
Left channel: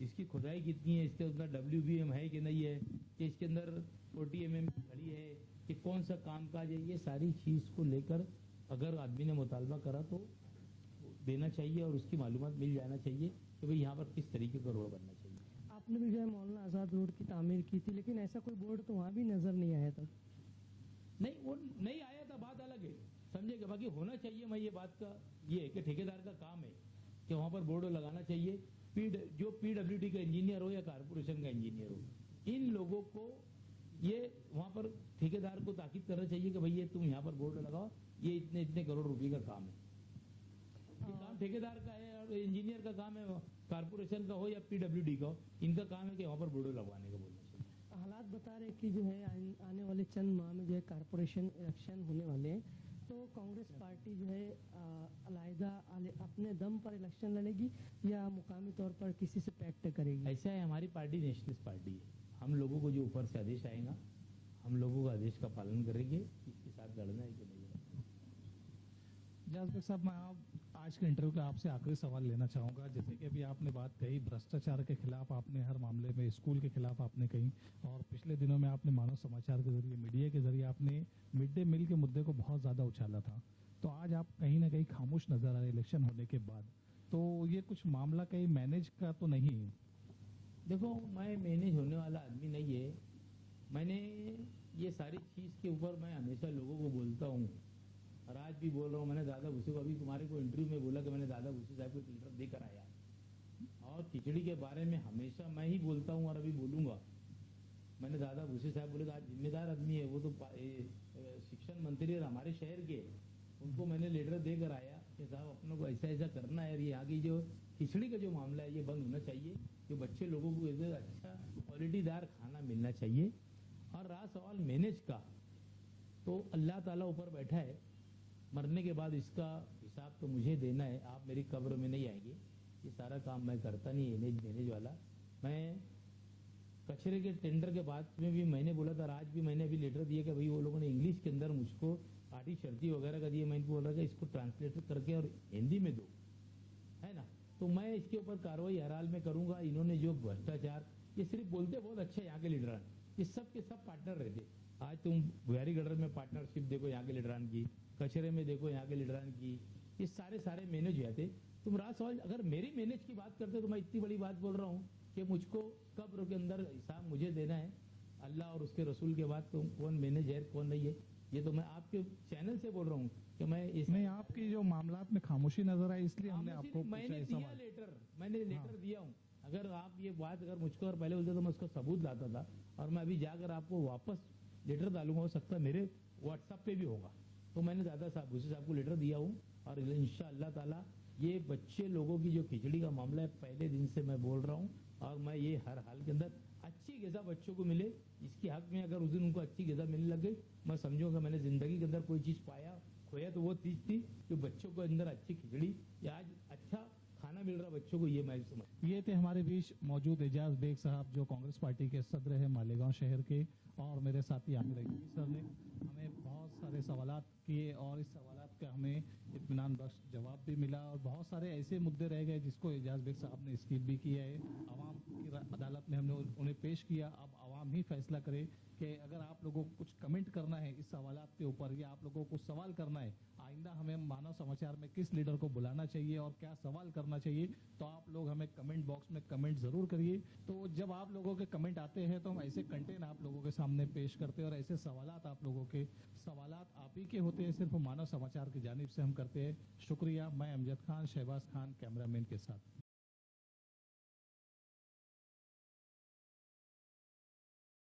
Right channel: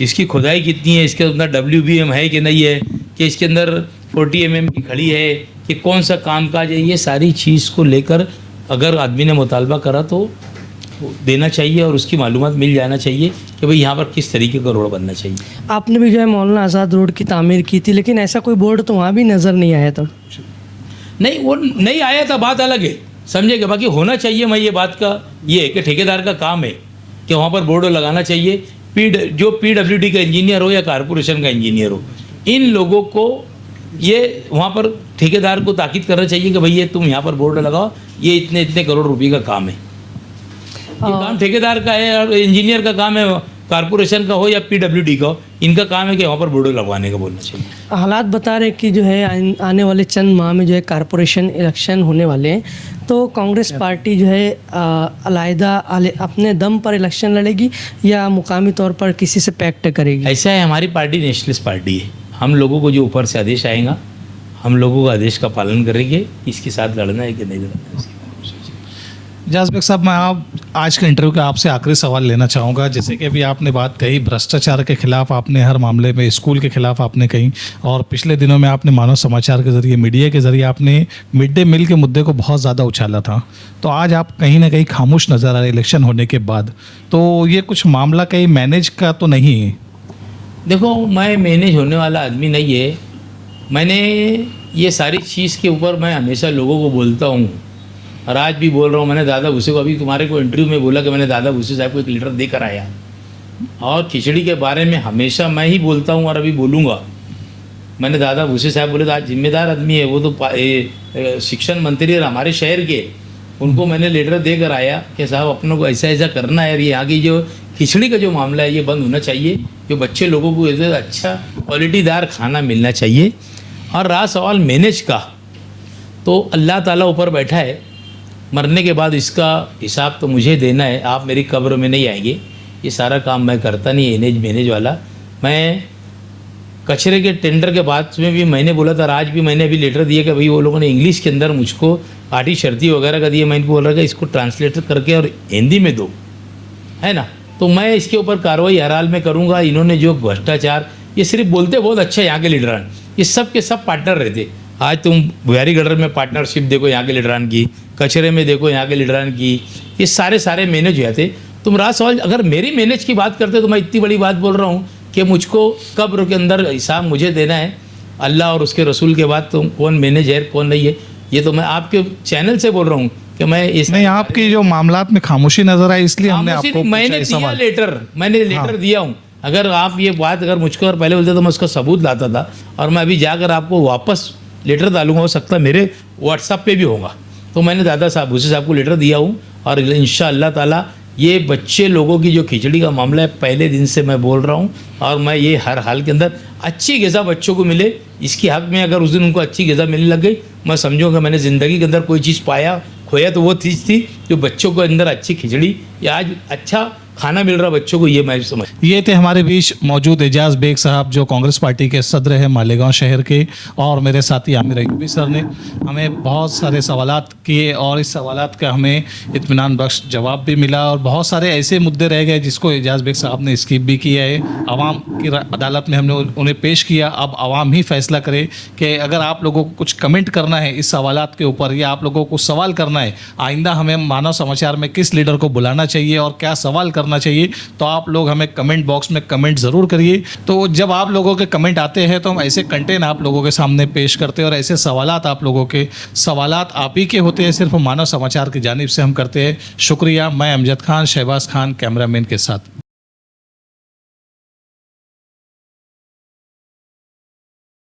इसकी खुदाई कितनी है, इसके अंदर WBM है कि नहीं है, कि इसके अंदर 40 mm की खड़ी है, कि कौन सा कामकाज है, ये सारी चीज़ को लेकर अगर आदमी ने मुतालबा करा तो देना चाहिए और उसकी मालूमात मिल जाना चाहिए कि भाई यहाँ पर किस तरीके का रोड बनना चाहिए। आपने भी जो है मौलाना आज़ाद रोड की तामीर की थी, लेकिन ऐसा कोई बोर्ड तो वहाँ भी नज़र नहीं आया था। नहीं, वो नहीं आया था, बात अलग है, समझेगा। बाकी होना चाहिए, मैं ये बात का ये है कि ठेकेदार का काम है कि वहाँ पर बोर्ड लगाना चाहिए। जो PWD का इंजीनियर हो या कारपोरेशन का इंजीनियर हो, इन लोगों को ये वहाँ पर ठेकेदार को ताकीद करना चाहिए कि भाई ये तुम यहाँ पर बोर्ड लगाओ, ये इतने इतने करोड़ रुपए का काम है। ये काम ठेकेदार का है और इंजीनियर का काम है, कारपोरेशन का हो या PWD का हो, इनका काम है कि वहाँ पर बोर्ड लगवाने का बोलना चाहिए। हालात बता रहे कि जो है आने वाले चंद माह में जो है कारपोरेशन इलेक्शन होने वाले हैं, तो कांग्रेस पार्टी जो है अलहदा अपने दम पर इलेक्शन लड़ेगी या मुकामी तौर पर किसी से पैक्ट करेगी। ऐसा है, हमारी पार्टी नेशनलिस्ट पार्टी है, हम लोगों को जो ऊपर से आदेश आएगा हम लोगों का आदेश का पालन करेंगे, इसके साथ लड़ना है कि नहीं लड़ना है। एजाज बेग साहब, मैं आप आज के इंटरव्यू का आपसे आखिरी सवाल लेना चाहूँगा। जैसे कि अभी आपने बात कही भ्रष्टाचार के खिलाफ, आपने हर मामले में स्कूल के खिलाफ आपने कही, और पिछले दिनों में आपने मानव समाचार के ज़रिए, मीडिया के ज़रिए आपने मिड डे मील के मुद्दे को बहुत ज़्यादा उछाला था। तो आज आप कहीं ना कहीं खामोश नज़र आ रहे इलेक्शन होने के बाद, तो ये कुछ मामला कहीं मैनेज का तो नहीं है? देखो, मैं मैनेज होने वाला आदमी नहीं है। मैंने ये सारी चीज़ के ऊपर मैं हमेशा लोगों को बोलता हूँ और आज भी बोल रहा हूँ। मैंने दादा भूसे को अभी तुम्हारे को इंटरव्यू में बोला कि मैंने दादा भूसे साहब को एक लीटर देकर आया, और खिचड़ी के बारे में हमेशा मैं ही बोलता हूँ और अभी बोलूँगा। मैंने दादा भूसे साहब बोले तो आज जिम्मेदार आदमी है, वो तो शिक्षण मंत्री है हमारे शहर के, उनको मैंने लेटर देकर आया कि साहब अपनों को ऐसा ऐसा करना है, ये आगे जो खिचड़ी का जो मामला है ये बंद होना चाहिए, जो बच्चे लोगों को ऐसे अच्छा क्वालिटीदार खाना मिलना चाहिए। और रहा सवाल मैनेज का, तो अल्लाह ताला ऊपर बैठा है, मरने के बाद इसका हिसाब तो मुझे देना है, आप मेरी कब्र में नहीं आएंगे। ये सारा काम मैं करता नहीं, एनेज मैनेज वाला। मैं कचरे के टेंडर के बाद में भी मैंने बोला था, आज भी मैंने अभी लेटर दिया कि भाई वो लोगों ने इंग्लिश के अंदर मुझको आटी शर्ती वगैरह का दिया, मैं इनको बोल रहा था इसको ट्रांसलेट करके और हिंदी में दो, है ना। तो मैं इसके ऊपर कार्रवाई हर हाल में करूँगा। इन्होंने जो भ्रष्टाचार, ये सिर्फ बोलते बहुत अच्छा यहाँ के लीडरान, ये सब के सब पार्टनर रहते। आज तुम बुहारी गडर में पार्टनरशिप देखो यहाँ के लीडरान की, कचरे में देखो यहाँ के लीडरान की, ये सारे मैनेज हो जाते। तुम रात सवाल अगर मेरी मैनेज की बात करते तो मैं इतनी बड़ी बात बोल रहा हूँ कि मुझको कब्र के अंदर हिसाब मुझे देना है, अल्लाह और उसके रसूल के बाद तुम कौन मैनेज है कौन नहीं है, ये तो मैं आपके चैनल से बोल रहा हूँ कि मैं इस नहीं, आपकी जो मामलात में खामोशी नजर आई इसलिए हमने आपको मैंने दिया लेटर, मैंने लेटर दिया हूँ। अगर आप ये बात अगर मुझको और पहले बोलते तो मैं उसका सबूत लाता था, और मैं अभी जाकर आपको वापस लेटर डालूंगा, हो सकता है मेरे व्हाट्सएप पे भी होगा। तो मैंने दादा साहब भूसे साहब को लेटर दिया हूँ, और इंशाअल्लाह ताला ये बच्चे लोगों की जो खिचड़ी का मामला है, पहले दिन से मैं बोल रहा हूँ, और मैं ये हर हाल के अंदर अच्छी ग़िज़ा बच्चों को मिले, इसकी हक़ में अगर उस दिन उनको अच्छी ग़िज़ा मिलने लग गई, मैं समझूँगा मैंने ज़िंदगी के अंदर कोई चीज़ पाया खोया तो वो चीज़ थी जो बच्चों को अंदर अच्छी खिचड़ी या आज अच्छा खाना मिल रहा बच्चों को, ये मैं समझ। ये थे हमारे बीच मौजूद एजाज बेग साहब जो कांग्रेस पार्टी के सदर हैं मालेगांव शहर के, और मेरे साथी आमिर अयूबी सर ने हमें बहुत सारे सवालात किए और इस सवालात का हमें इत्मीनान बख्श जवाब भी मिला, और बहुत सारे ऐसे मुद्दे रह गए जिसको एजाज बेग साहब ने स्किप भी किया है। आवाम की अदालत में हमने उन्हें पेश किया, अब आवाम ही फैसला करे कि अगर आप लोगों को कुछ कमेंट करना है इस सवालात के ऊपर या आप लोगों को सवाल करना है आइंदा हमें मानव समाचार में किस लीडर को बुलाना चाहिए और क्या सवाल करना चाहिए, तो आप लोग हमें कमेंट बॉक्स में कमेंट ज़रूर करिए। तो जब आप लोगों के कमेंट आते हैं तो हम ऐसे कंटेंट आप लोगों के सामने पेश करते हैं और ऐसे सवालात आप लोगों के सवालात आप ही के होते हैं, सिर्फ मानव समाचार की जानिब से हम करते हैं। शुक्रिया। मैं अमजद खान, शहबाज खान कैमरामैन के साथ।